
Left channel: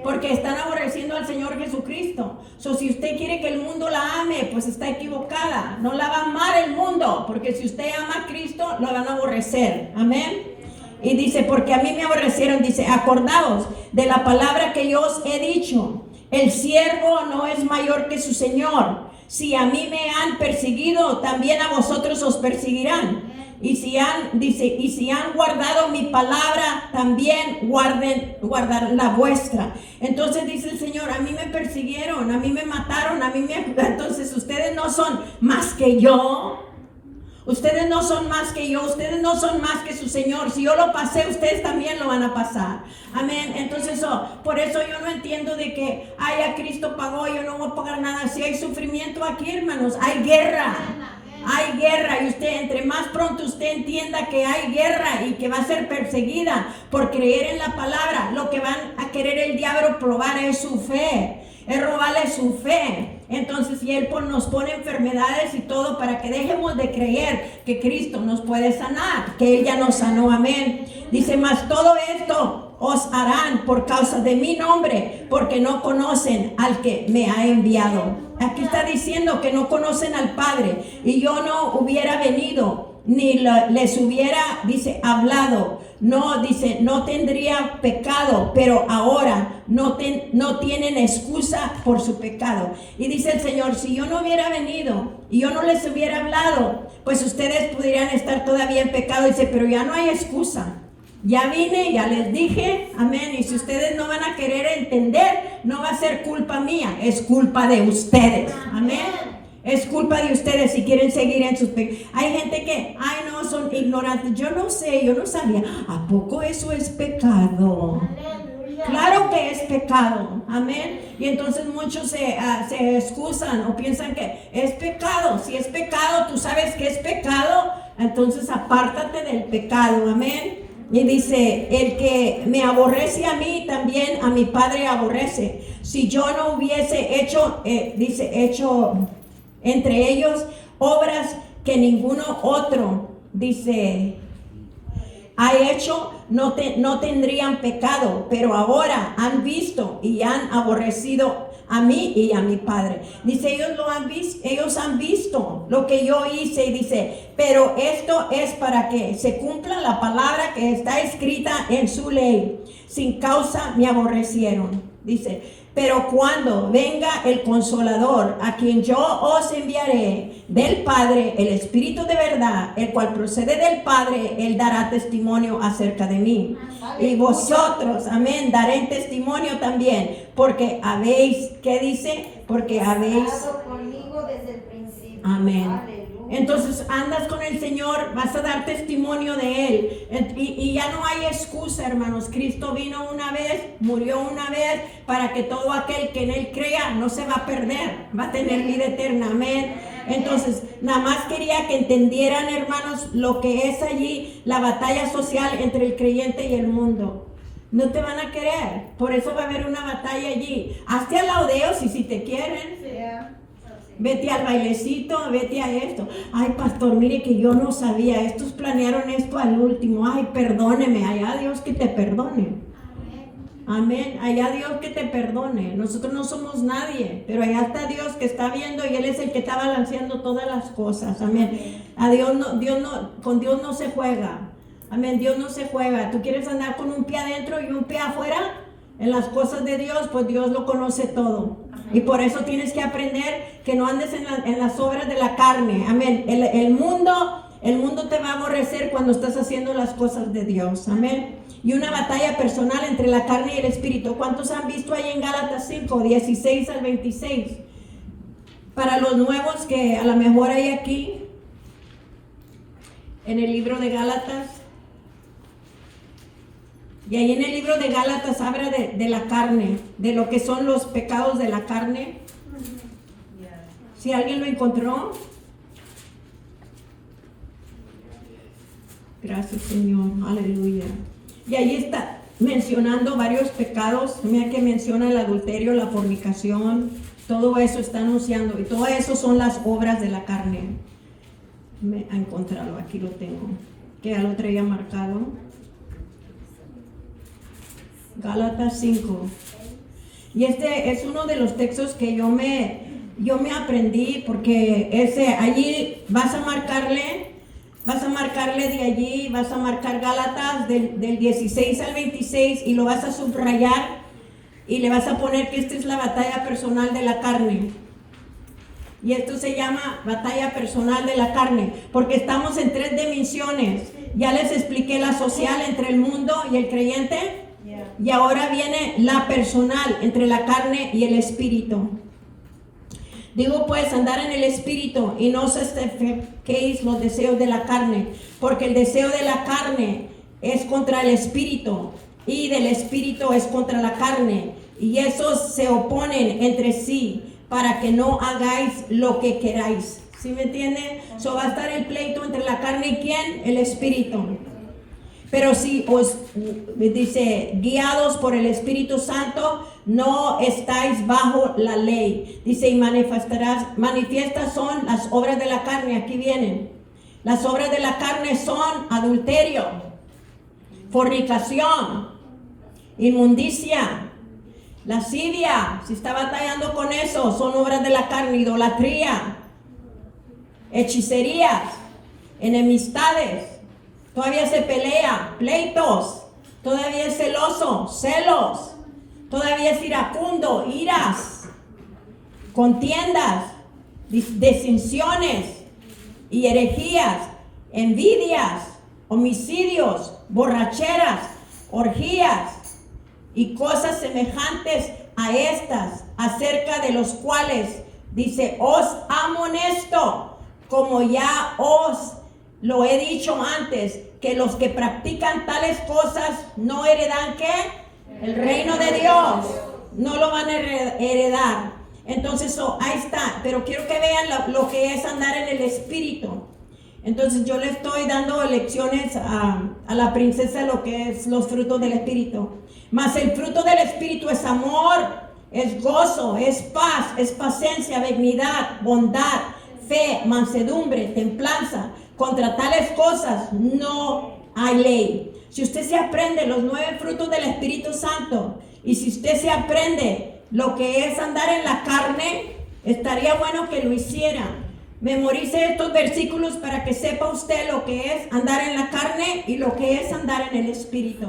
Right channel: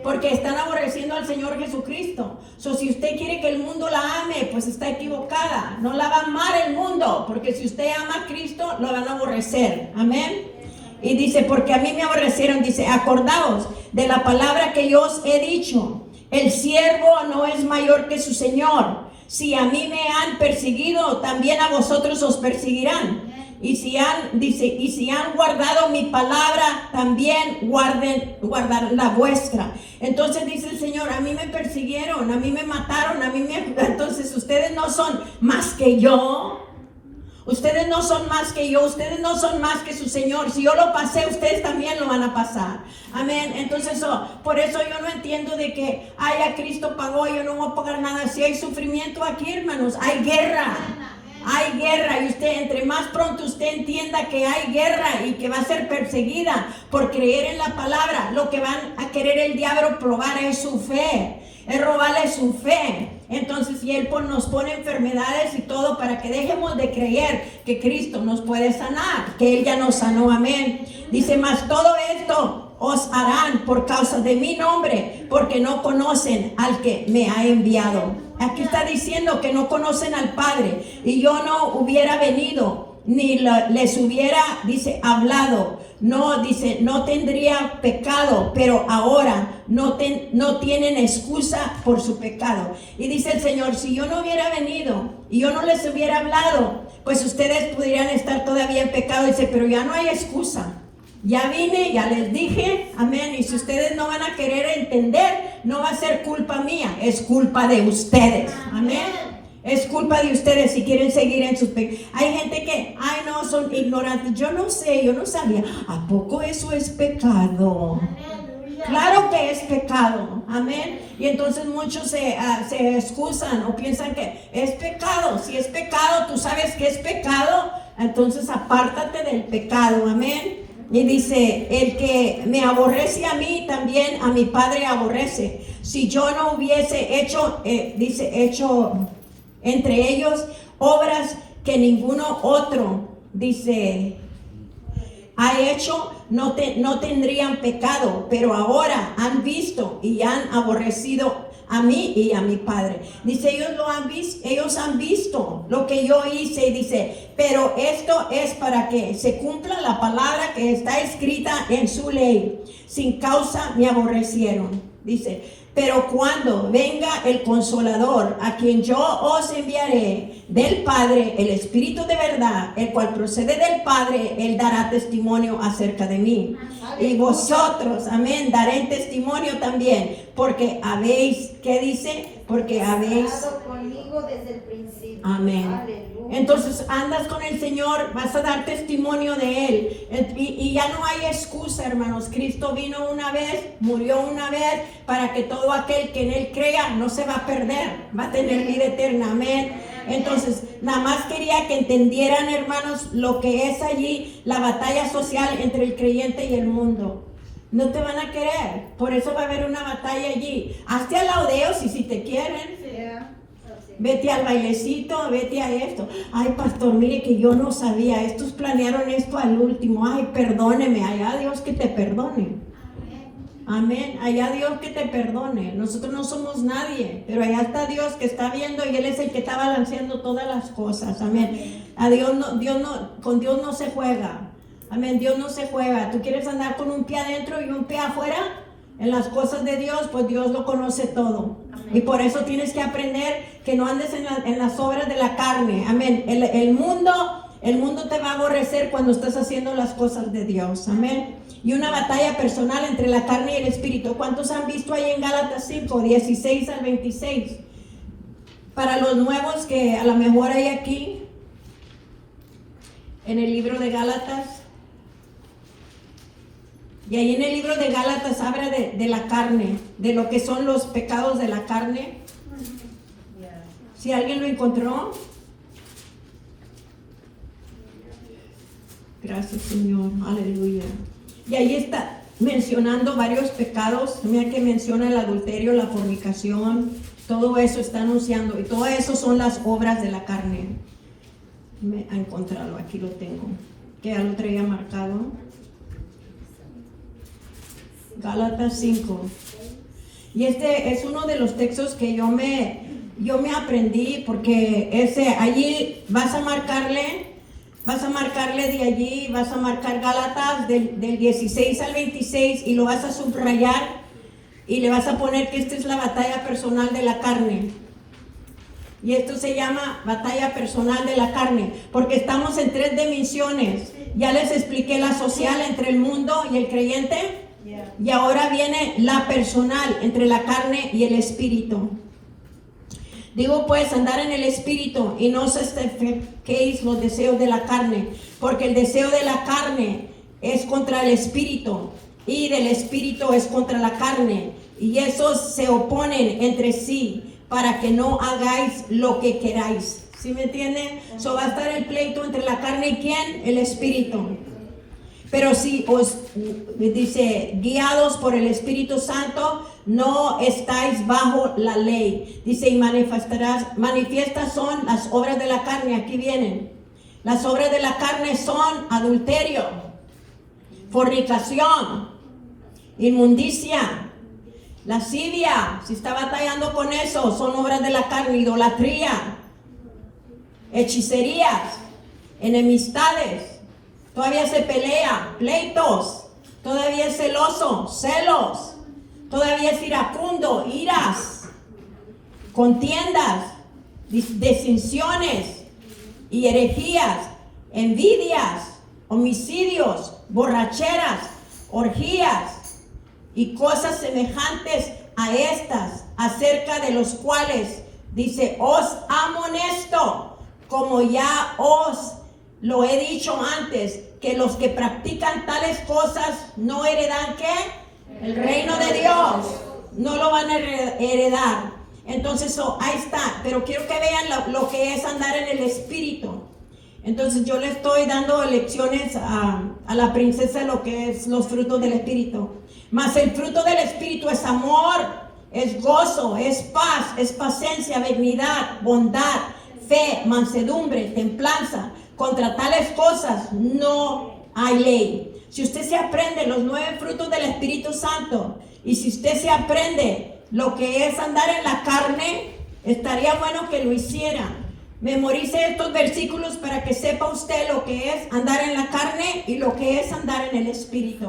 porque están aborreciendo al Señor Jesucristo. Si usted quiere que el mundo la ame, pues está equivocada. No la va a amar el mundo, porque si usted ama a Cristo, lo van a aborrecer. Amén. Y dice, porque a mí me aborrecieron, dice, acordaos de la palabra que yo os he dicho. El siervo no es mayor que su Señor. Si a mí me han perseguido, también a vosotros os perseguirán. Y si han guardado mi palabra, también guardan la vuestra. Entonces dice el Señor, a mí me persiguieron, a mí me mataron, entonces ustedes no son más que yo. Ustedes no son más que yo, ustedes no son más que su Señor. Si yo lo pasé, ustedes también lo van a pasar. Amén. Entonces, por eso yo no entiendo de que, a Cristo pagó, yo no voy a pagar nada. Si hay sufrimiento aquí, hermanos, hay guerra. Hay guerra, y usted, entre más pronto usted entienda que hay guerra y que va a ser perseguida por creer en la palabra, lo que van a querer el diablo probar es su fe, es robarle su fe. Entonces, y Él nos pone enfermedades y todo para que dejemos de creer que Cristo nos puede sanar, que Él ya nos sanó, amén. Dice, mas todo esto os harán por causa de mi nombre, porque no conocen al que me ha enviado. Aquí está diciendo que no conocen al Padre, y yo no hubiera venido, ni les hubiera, dice, hablado. No, dice, no tendría pecado, pero ahora no tienen excusa por su pecado. Y dice el Señor, si yo no hubiera venido y yo no les hubiera hablado, pues ustedes pudieran estar todavía en pecado. Dice, pero ya no hay excusa. Ya vine, ya les dije, amén. Y si ustedes no van a querer entender, no va a ser culpa mía, es culpa de ustedes, amén. Es culpa de ustedes si quieren seguir en sus pecados. Hay gente que, no, son ignorantes. Yo no sé, yo no sabía. ¿A poco eso es pecado? Claro que es pecado, amén. Y entonces muchos se excusan o piensan que es pecado. Si es pecado, tú sabes que es pecado, entonces apártate del pecado, amén. Y dice, el que me aborrece a mí, también a mi Padre aborrece. Si yo no hubiese hecho, hecho entre ellos obras que ninguno otro, dice, ha hecho, no tendrían pecado, pero ahora han visto y han aborrecido a mí y a mi Padre. Dice, ellos han visto lo que yo hice, y dice, pero esto es para que se cumpla la palabra que está escrita en su ley. Sin causa me aborrecieron. Dice, pero cuando venga el Consolador, a quien yo os enviaré del Padre, el Espíritu de verdad, el cual procede del Padre, él dará testimonio acerca de mí. Y vosotros, amén, daré testimonio también, porque habéis, ¿qué dice? Porque habéis estado conmigo desde el principio. Amén. Aleluya. Entonces andas con el Señor, vas a dar testimonio de Él. Y ya no hay excusa, hermanos. Cristo vino una vez, murió una vez, para que todo aquel que en Él crea no se va a perder, va a tener vida eterna. Amén. Entonces, nada más quería que entendieran, hermanos, lo que es allí la batalla social entre el creyente y el mundo. No te van a querer, por eso va a haber una batalla allí. Hazte alaodeos y si te quieren. Vete al bailecito, vete a esto. Ay, pastor, mire que yo no sabía. Estos planearon esto al último. Ay, perdóneme. Allá Dios que te perdone. Amén. Allá Dios que te perdone. Nosotros no somos nadie, pero allá está Dios que está viendo y Él es el que está balanceando todas las cosas. Amén. A Dios no, con Dios no se juega. Amén. Dios no se juega. ¿Tú quieres andar con un pie adentro y un pie afuera? En las cosas de Dios, pues Dios lo conoce todo. Y por eso tienes que aprender que no andes en las obras de la carne. Amén. El mundo te va a aborrecer cuando estás haciendo las cosas de Dios. Amén. Y una batalla personal entre la carne y el espíritu. ¿Cuántos han visto ahí en Gálatas 5, 16 al 26? Para los nuevos que a lo mejor hay aquí, en el libro de Gálatas. Y ahí en el libro de Gálatas habla de la carne, de lo que son los pecados de la carne. Si alguien lo encontró. Gracias, Señor. Aleluya. Y ahí está mencionando varios pecados. Mira que menciona el adulterio, la fornicación. Todo eso está anunciando. Y todo eso son las obras de la carne. Me ha encontrado, aquí lo tengo. Que ya lo traía marcado. Gálatas 5. Y este es uno de los textos que yo me aprendí, porque allí vas a marcarle de allí, vas a marcar Gálatas del 16 al 26 y lo vas a subrayar y le vas a poner que esta es la batalla personal de la carne. Y esto se llama batalla personal de la carne, porque estamos en 3 dimensiones. Ya les expliqué la social entre el mundo y el creyente. Y ahora viene la personal entre la carne y el espíritu. Digo pues, andar en el espíritu y no satisfacéis los deseos de la carne, porque el deseo de la carne es contra el espíritu y del espíritu es contra la carne, y esos se oponen entre sí para que no hagáis lo que queráis. ¿Sí me entienden? So va a estar el pleito entre la carne y ¿quién? El espíritu. Pero si os dice, guiados por el Espíritu Santo, no estáis bajo la ley. Dice, y manifiestas son las obras de la carne. Aquí vienen. Las obras de la carne son adulterio, fornicación, inmundicia, lascivia. Si está batallando con eso, son obras de la carne. Idolatría, hechicerías, enemistades. Todavía se pelea, pleitos, todavía es celoso, celos, todavía es iracundo, iras, contiendas, disensiones y herejías, envidias, homicidios, borracheras, orgías y cosas semejantes a estas, acerca de los cuales dice, os amonesto, como ya os lo he dicho antes, que los que practican tales cosas no heredan ¿qué? El reino de Dios no lo van a heredar. Entonces, ahí está. Pero quiero que vean lo que es andar en el Espíritu. Entonces, yo le estoy dando lecciones a la princesa lo que es los frutos del Espíritu. Mas el fruto del Espíritu es amor, es gozo, es paz, es paciencia, benignidad, bondad, fe, mansedumbre, templanza. Contra tales cosas no hay ley. Si usted se aprende los 9 frutos del Espíritu Santo y si usted se aprende lo que es andar en la carne, estaría bueno que lo hiciera. Memorice estos versículos para que sepa usted lo que es andar en la carne y lo que es andar en el Espíritu.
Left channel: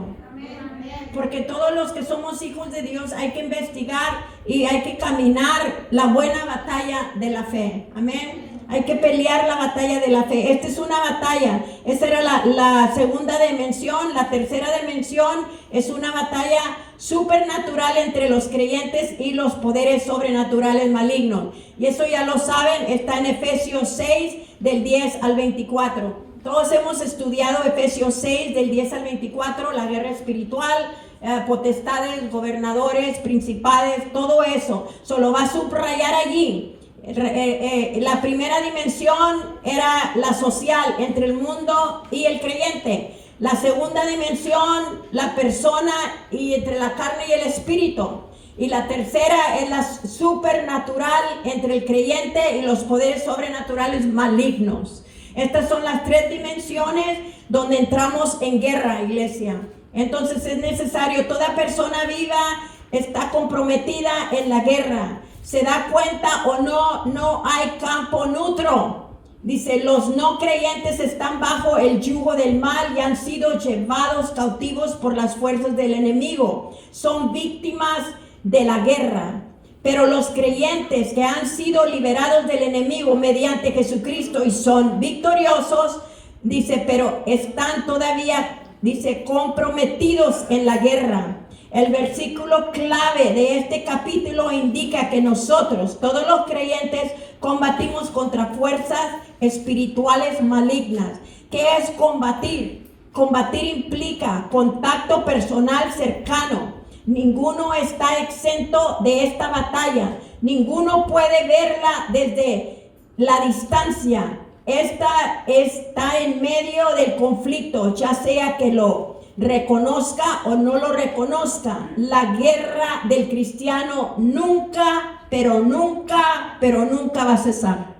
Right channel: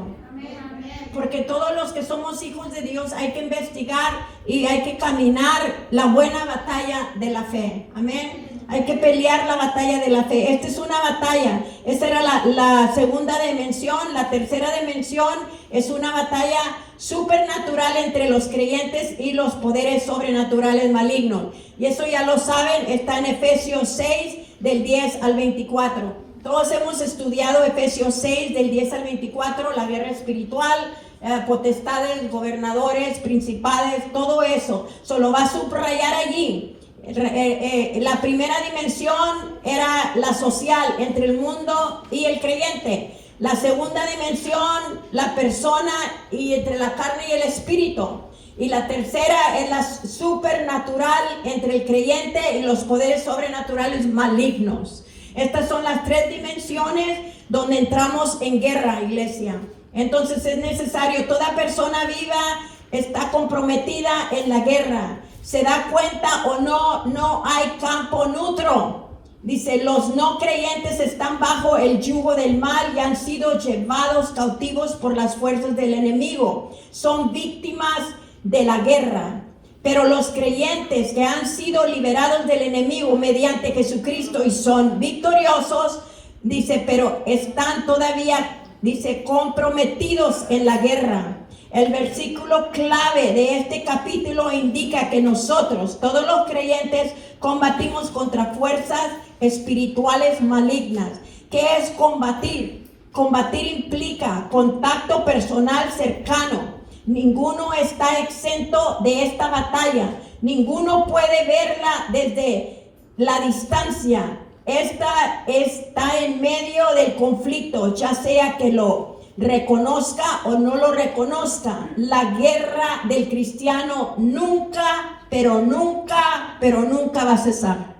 Porque todos los que somos hijos de Dios hay que investigar y hay que caminar la buena batalla de la fe. Amén. Hay que pelear la batalla de la fe. Esta es una batalla. Esa era la segunda dimensión. La tercera dimensión es una batalla supernatural entre los creyentes y los poderes sobrenaturales malignos. Y eso ya lo saben, está en Efesios 6, del 10 al 24. Todos hemos estudiado Efesios 6, del 10 al 24, la guerra espiritual, potestades, gobernadores, principales, todo eso. Solo va a subrayar allí. La primera dimensión era la social entre el mundo y el creyente. La segunda dimensión, la persona y entre la carne y el espíritu. Y la tercera es la supernatural entre el creyente y los poderes sobrenaturales malignos. Estas son las 3 dimensiones donde entramos en guerra, iglesia. Entonces es necesario, toda persona viva está comprometida en la guerra. Se da cuenta o no hay campo neutro. Dice, los no creyentes están bajo el yugo del mal y han sido llevados cautivos por las fuerzas del enemigo. Son víctimas de la guerra. Pero los creyentes que han sido liberados del enemigo mediante Jesucristo y son victoriosos, dice, pero están todavía, dice, comprometidos en la guerra. El versículo clave de este capítulo indica que nosotros, todos los creyentes, combatimos contra fuerzas espirituales malignas. ¿Qué es combatir? Combatir implica contacto personal cercano. Ninguno está exento de esta batalla. Ninguno puede verla desde la distancia. Esta está en medio del conflicto, ya sea que lo reconozca o no lo reconozca. La guerra del cristiano nunca, pero nunca va a cesar.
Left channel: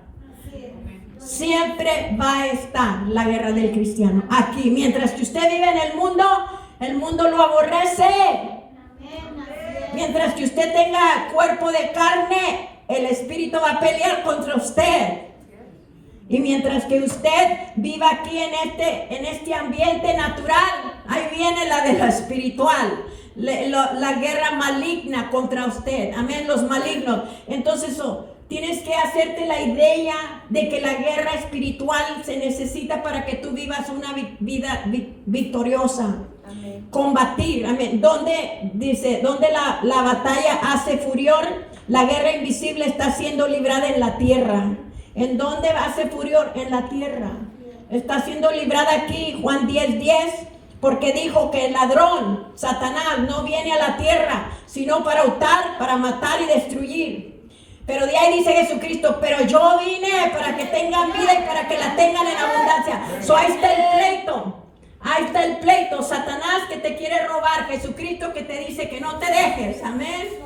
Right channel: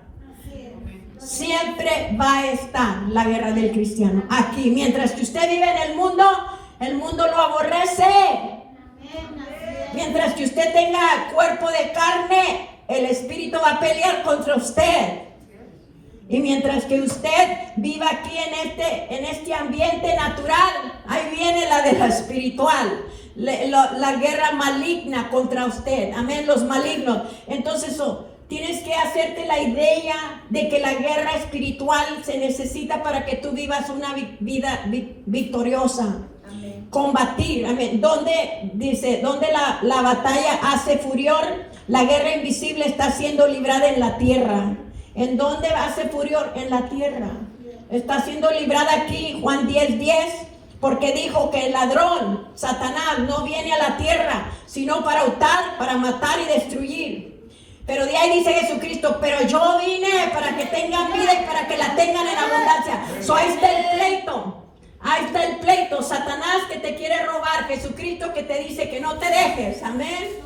Siempre va a estar la guerra del cristiano aquí. Mientras que usted vive en el mundo lo aborrece. Mientras que usted tenga cuerpo de carne, el espíritu va a pelear contra usted. Y mientras que usted viva aquí en este ambiente natural, ahí viene la de la espiritual, la guerra maligna contra usted. Amén, los malignos. Entonces, tienes que hacerte la idea de que la guerra espiritual se necesita para que tú vivas una vida victoriosa. Amén. Combatir, amén. Donde la batalla hace furor, la guerra invisible está siendo librada en la tierra. ¿En dónde hace furor? En la tierra. Está siendo librada aquí, Juan 10:10, porque dijo que el ladrón, Satanás, no viene a la tierra, sino para hurtar, para matar y destruir. Pero de ahí dice Jesucristo, pero yo vine para que tengan vida y para que la tengan en abundancia. Ahí está el pleito. Ahí está el pleito. Satanás que te quiere robar. Jesucristo que te dice que no te dejes. Amén.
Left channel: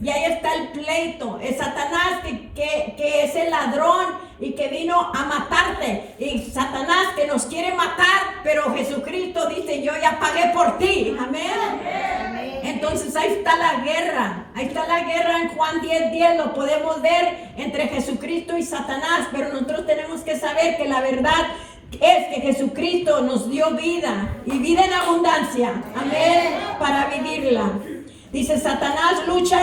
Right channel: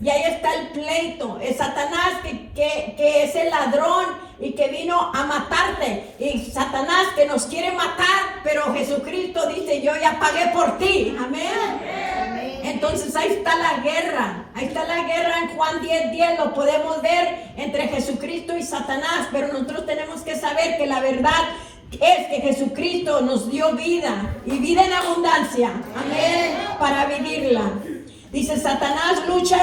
Y ahí está el pleito. Es Satanás que es el ladrón y que vino a matarte. Y Satanás que nos quiere matar. Pero Jesucristo dice, yo ya pagué por ti. Amén. Entonces ahí está la guerra. Ahí está la guerra en Juan 10:10. Lo podemos ver entre Jesucristo y Satanás. Pero nosotros tenemos que saber que la verdad es que Jesucristo nos dio vida y vida en abundancia. Amén. Para vivirla. Dice, Satanás lucha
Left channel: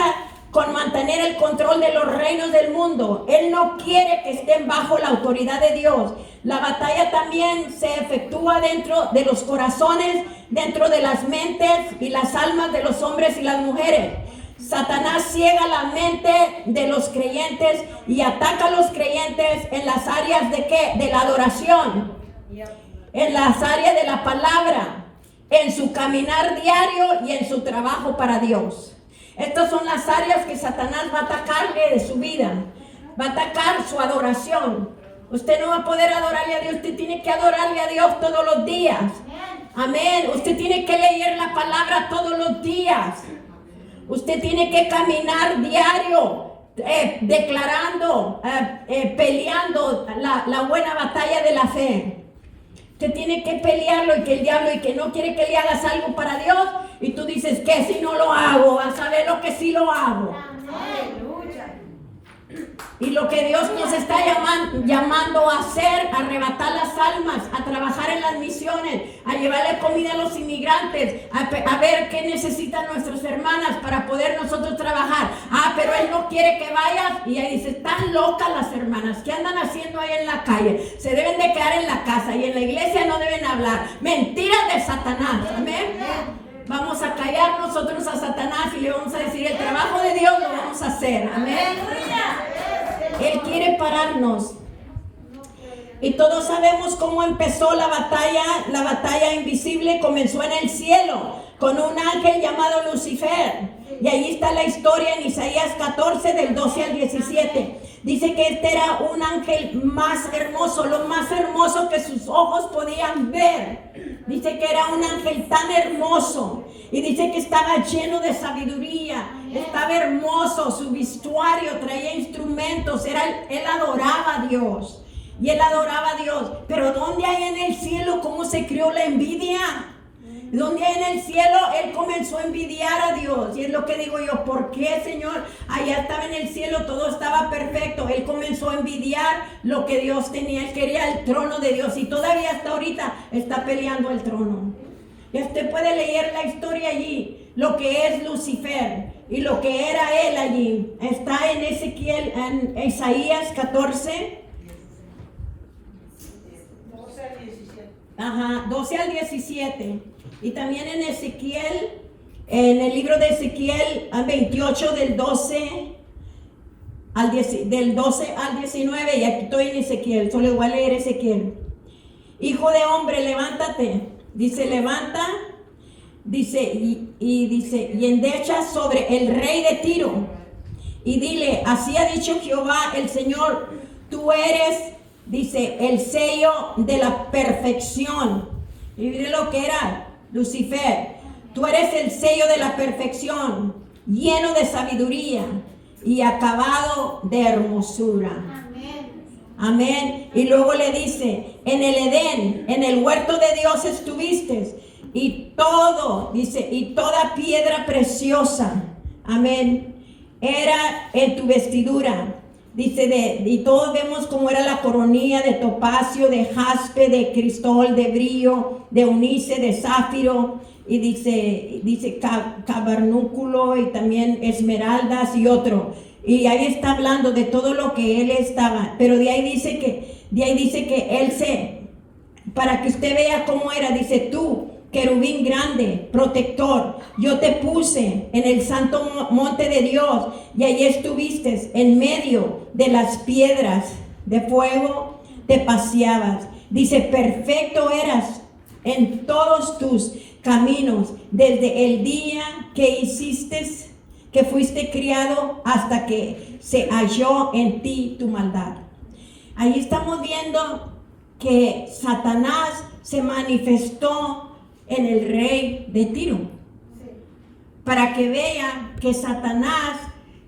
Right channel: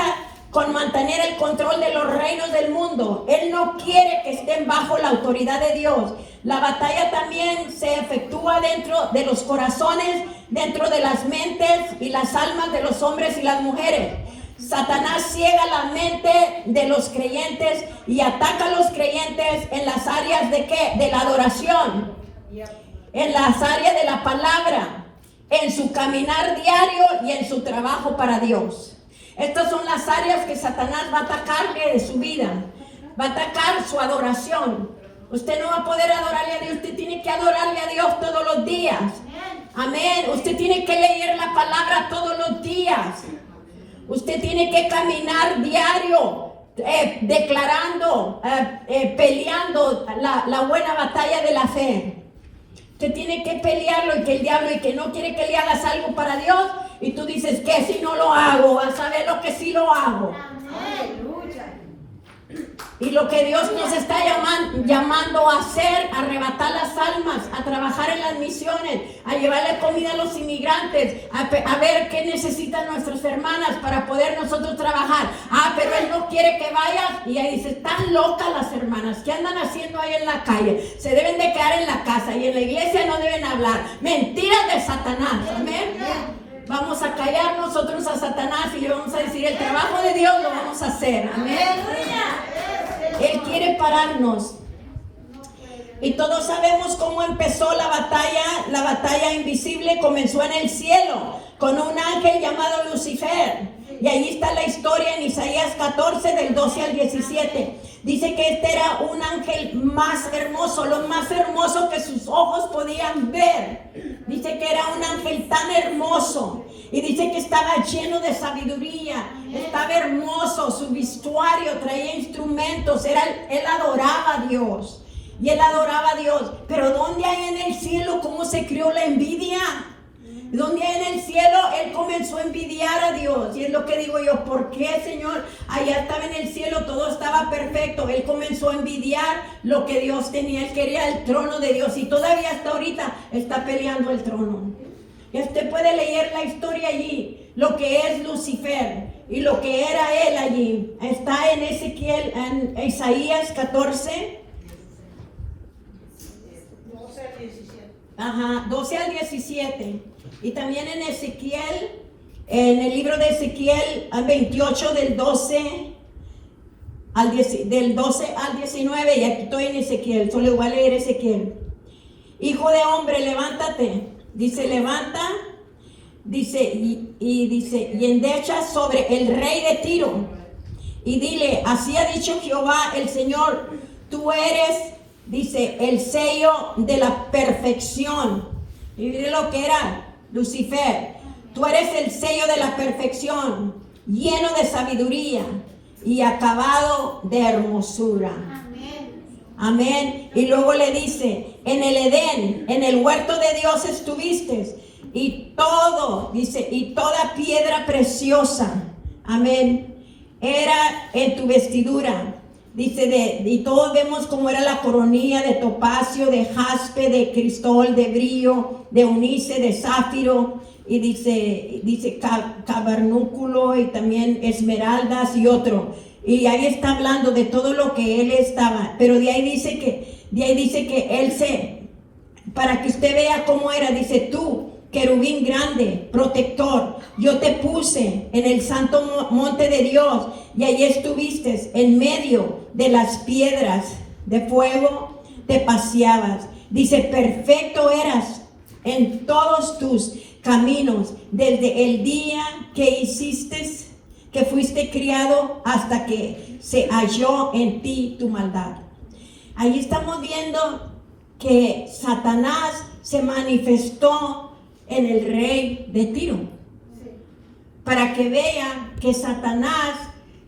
con mantener el control de los reinos del mundo. Él no quiere que estén bajo la autoridad de Dios. La batalla también se efectúa dentro de los corazones, dentro de las mentes y las almas de los hombres y las mujeres. Satanás ciega la mente de los creyentes y ataca a los creyentes en las áreas de ¿qué? De la adoración, en las áreas de la palabra, en su caminar diario y en su trabajo para Dios. Estas son las áreas que Satanás va a atacarle de su vida. Va a atacar su adoración. Usted no va a poder adorarle a Dios. Usted tiene que adorarle a Dios todos los días. Amén. Usted tiene que leer la palabra todos los días. Usted tiene que caminar diario, declarando, peleando la buena batalla de la fe. Usted tiene que pelearlo y que el diablo y que no quiere que le hagas algo para Dios. Y tú dices que si no lo hago, vas a ver lo que sí lo hago. Y lo que Dios nos está llamando a hacer, a arrebatar las almas, a trabajar en las misiones, a llevarle comida a los inmigrantes, a ver qué necesitan nuestras hermanas para poder nosotros trabajar. Pero Él no quiere que vayas. Y ahí dice, están locas las hermanas, ¿qué andan haciendo ahí en la calle? Se deben de quedar en la casa y en la iglesia no deben hablar. Mentiras de Satanás, amén. Vamos a callar nosotros a Satanás y le vamos a decir, el trabajo de Dios lo vamos a hacer, amén. Él quiere pararnos. Y todos sabemos cómo empezó la batalla invisible comenzó en el cielo, con un ángel llamado Lucifer. Y ahí está la historia en Isaías 14, del 12 al 17. Dice que este era un ángel más hermoso, lo más hermoso que sus ojos podían ver. Dice que era un ángel tan hermoso. Y dice que estaba lleno de sabiduría, estaba hermoso, su vestuario traía instrumentos, él adoraba a Dios. Y él adoraba a Dios. Pero ¿dónde hay en el cielo cómo se creó la envidia? Donde en el cielo él comenzó a envidiar a Dios. Y es lo que digo yo, ¿por qué, Señor? Allá estaba en el cielo, todo estaba perfecto. Él comenzó a envidiar lo que Dios tenía. Él quería el trono de Dios y todavía hasta ahorita está peleando el trono. Y usted puede leer la historia allí, lo que es Lucifer y lo que era él allí. Está en Ezequiel, en Isaías 14. 12 al 17. Y también en Ezequiel, en el libro de Ezequiel 28 del 12 al 19. Y aquí estoy en Ezequiel, solo le voy a leer Ezequiel. Hijo de hombre, levántate. Dice, levanta. Dice, y endecha sobre el rey de Tiro. Y dile, así ha dicho Jehová el Señor, tú eres, dice, el sello de la perfección. Y mire lo que era Lucifer. Tú eres el sello de la perfección, lleno de sabiduría y acabado de hermosura. Amén. Y luego le dice, en el Edén, en el huerto de Dios estuviste, y todo, dice, y toda piedra preciosa, amén, era en tu vestidura. Dice, y todos vemos cómo era la coronilla de topacio, de jaspe, de cristol, de brillo, de onice, de zafiro, y dice cabernúculo y también esmeraldas y otro. Y ahí está hablando de todo lo que él estaba, pero de ahí dice que él para que usted vea cómo era, dice, tú, querubín grande, protector, yo te puse en el santo monte de Dios y allí estuviste en medio de las piedras de fuego, te paseabas. Dice, perfecto eras en todos tus caminos, desde el día que fuiste criado hasta que se halló en ti tu maldad. Ahí estamos viendo que Satanás se manifestó en el rey de Tiro, para que vean que Satanás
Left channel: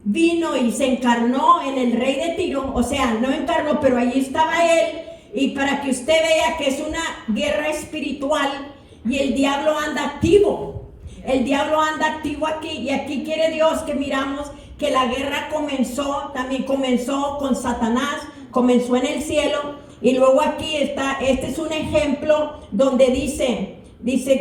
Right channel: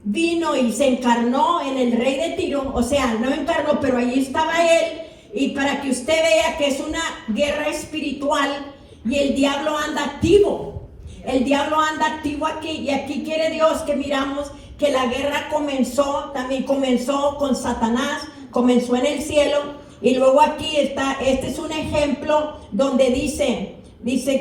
vino y se encarnó en el rey de Tiro, o sea, no encarnó, pero allí estaba él, y para que usted vea que es una guerra espiritual y el diablo anda activo. El diablo anda activo aquí, y aquí quiere Dios que miramos que la guerra también comenzó con Satanás, comenzó en el cielo, y luego aquí está, este es un ejemplo donde dice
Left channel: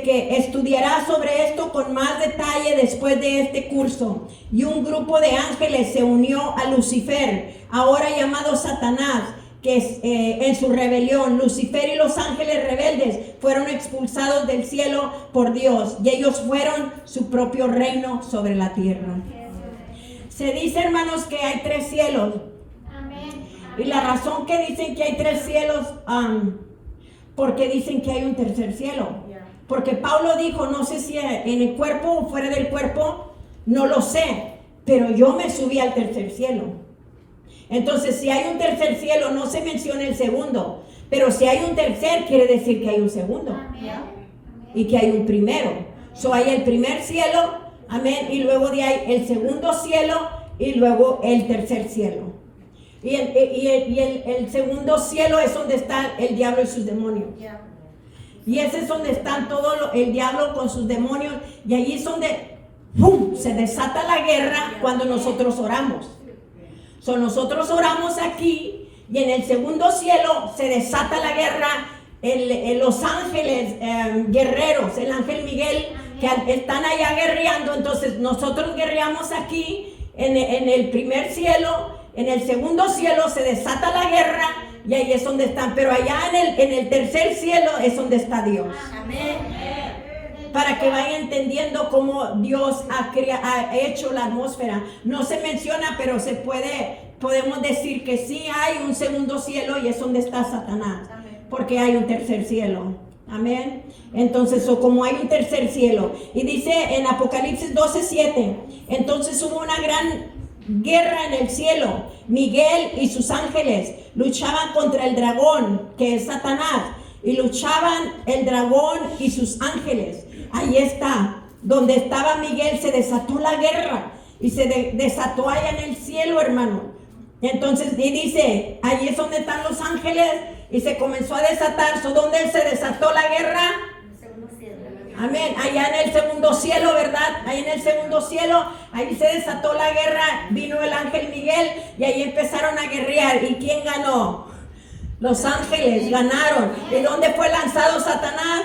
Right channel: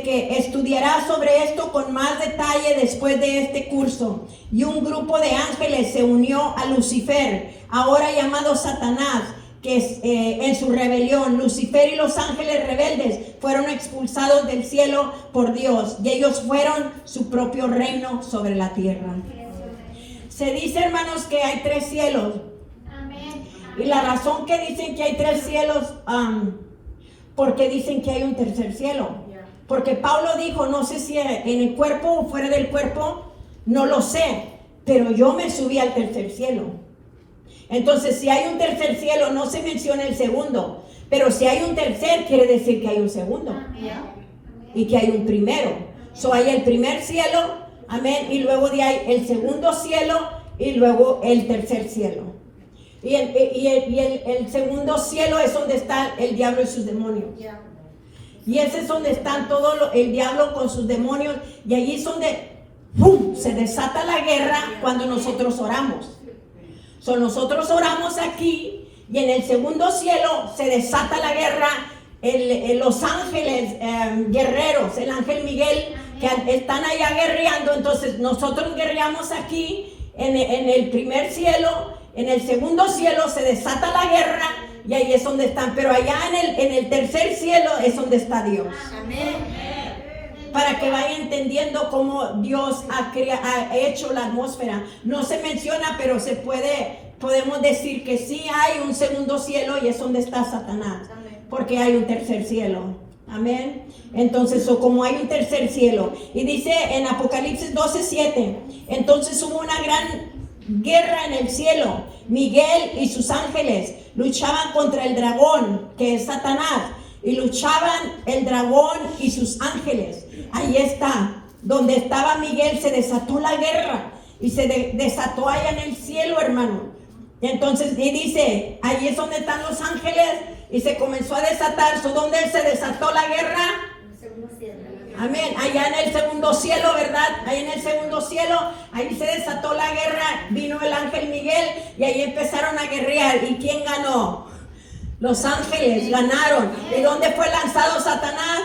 que estudiará sobre esto con más detalle después de este curso. Y un grupo de ángeles se unió a Lucifer, ahora llamado Satanás, que en su rebelión, Lucifer y los ángeles rebeldes fueron expulsados del cielo por Dios, y ellos fueron su propio reino sobre la tierra. Se dice, hermanos, que hay 3 cielos. Y la razón que dicen que hay 3 cielos, porque dicen que hay un tercer cielo. Porque Pablo dijo, no sé si en el cuerpo o fuera del cuerpo, no lo sé, pero yo me subí al tercer cielo. Entonces, si hay un tercer cielo, no se menciona el segundo, pero si hay un tercer, quiere decir que hay un segundo y que hay un primero. Hay el primer cielo, amén, y luego de ahí el segundo cielo y luego el tercer cielo. Y el segundo cielo es donde está el diablo y sus demonios. Y ese es donde están el diablo con sus demonios. Y allí es donde ¡pum!, se desata la guerra cuando nosotros oramos. Nosotros oramos aquí y en el segundo cielo se desata la guerra. Los ángeles guerreros, el ángel Miguel, que están allá guerreando. Entonces nosotros guerreamos aquí en el primer cielo. En el segundo cielo se desata la guerra y ahí es donde están. Pero allá en el tercer cielo es donde está Dios. Para que vaya entendiendo cómo Dios ha hecho la atmósfera. No se menciona, pero podemos decir que sí hay un segundo cielo y es donde está Satanás. Porque hay un tercer cielo. Amén. Entonces, como hay un tercer cielo. Y dice en Apocalipsis 12:7, entonces hubo una gran guerra en el cielo. Miguel y sus ángeles luchaban contra el dragón, que es Satanás. Y luchaban el dragón y sus ángeles. Ahí está, donde estaba Miguel se desató la guerra. Y se desató allá en el cielo, hermano. Entonces, y dice, ahí es donde están los ángeles. Y se comenzó a desatar. ¿Dónde se desató la guerra? Amén. Allá en el segundo cielo, ¿verdad? Ahí en el segundo cielo, ahí se desató la guerra. Vino el ángel Miguel y ahí empezaron a guerrear. ¿Y quién ganó? Los ángeles ganaron. ¿De dónde fue lanzado Satanás?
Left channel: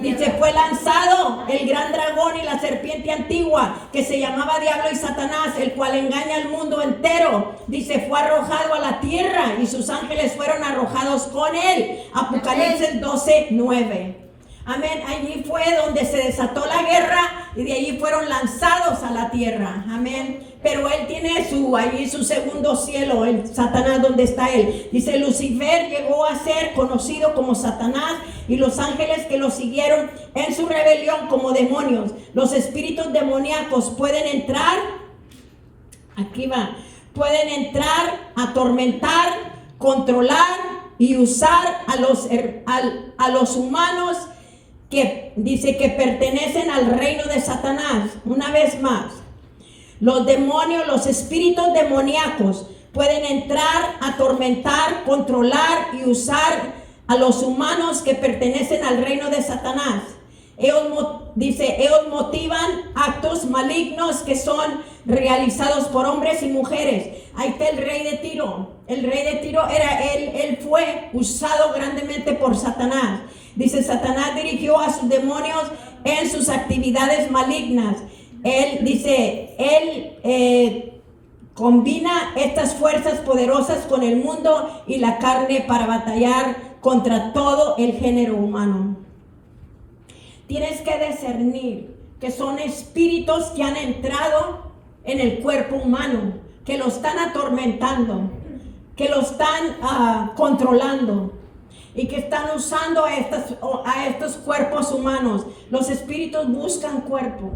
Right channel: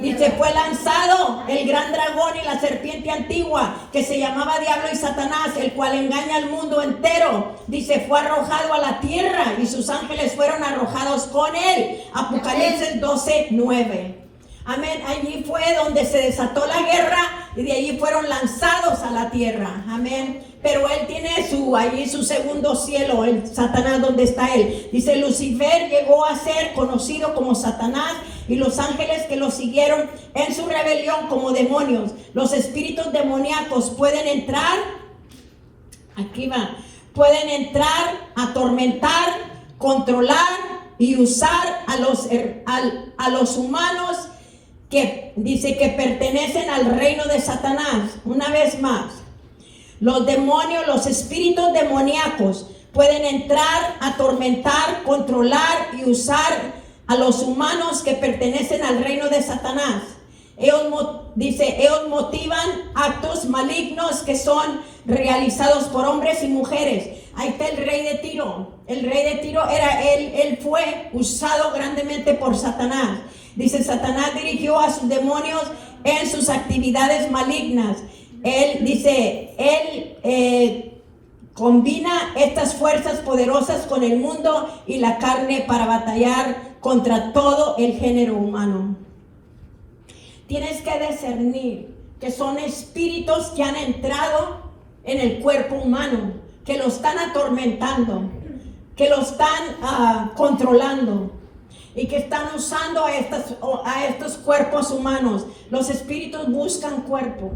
Dice, fue lanzado el gran dragón y la serpiente antigua, que se llamaba Diablo y Satanás, el cual engaña al mundo entero. Dice, fue arrojado a la tierra y sus ángeles fueron arrojados con él. Apocalipsis 12:9. Amén. Allí fue donde se desató la guerra y de allí fueron lanzados a la tierra. Amén. Pero él tiene allí su segundo cielo, el Satanás, donde está él. Dice, Lucifer llegó a ser conocido como Satanás y los ángeles que lo siguieron en su rebelión como demonios. Los espíritus demoníacos pueden entrar, aquí va, pueden entrar, atormentar, controlar y usar a los humanos que dice que pertenecen al reino de Satanás. Una vez más, los demonios, los espíritus demoníacos pueden entrar, atormentar, controlar y usar a los humanos que pertenecen al reino de Satanás. Ellos motivan actos malignos que son realizados por hombres y mujeres. Ahí está el rey de Tiro. El rey de Tiro él fue usado grandemente por Satanás. Dice, Satanás dirigió a sus demonios en sus actividades malignas. Él combina estas fuerzas poderosas con el mundo y la carne para batallar contra todo el género humano. Tienes que discernir que son espíritus que han entrado en el cuerpo humano, que lo están atormentando, que lo están controlando y que están usando a estos cuerpos humanos. Los espíritus buscan cuerpo.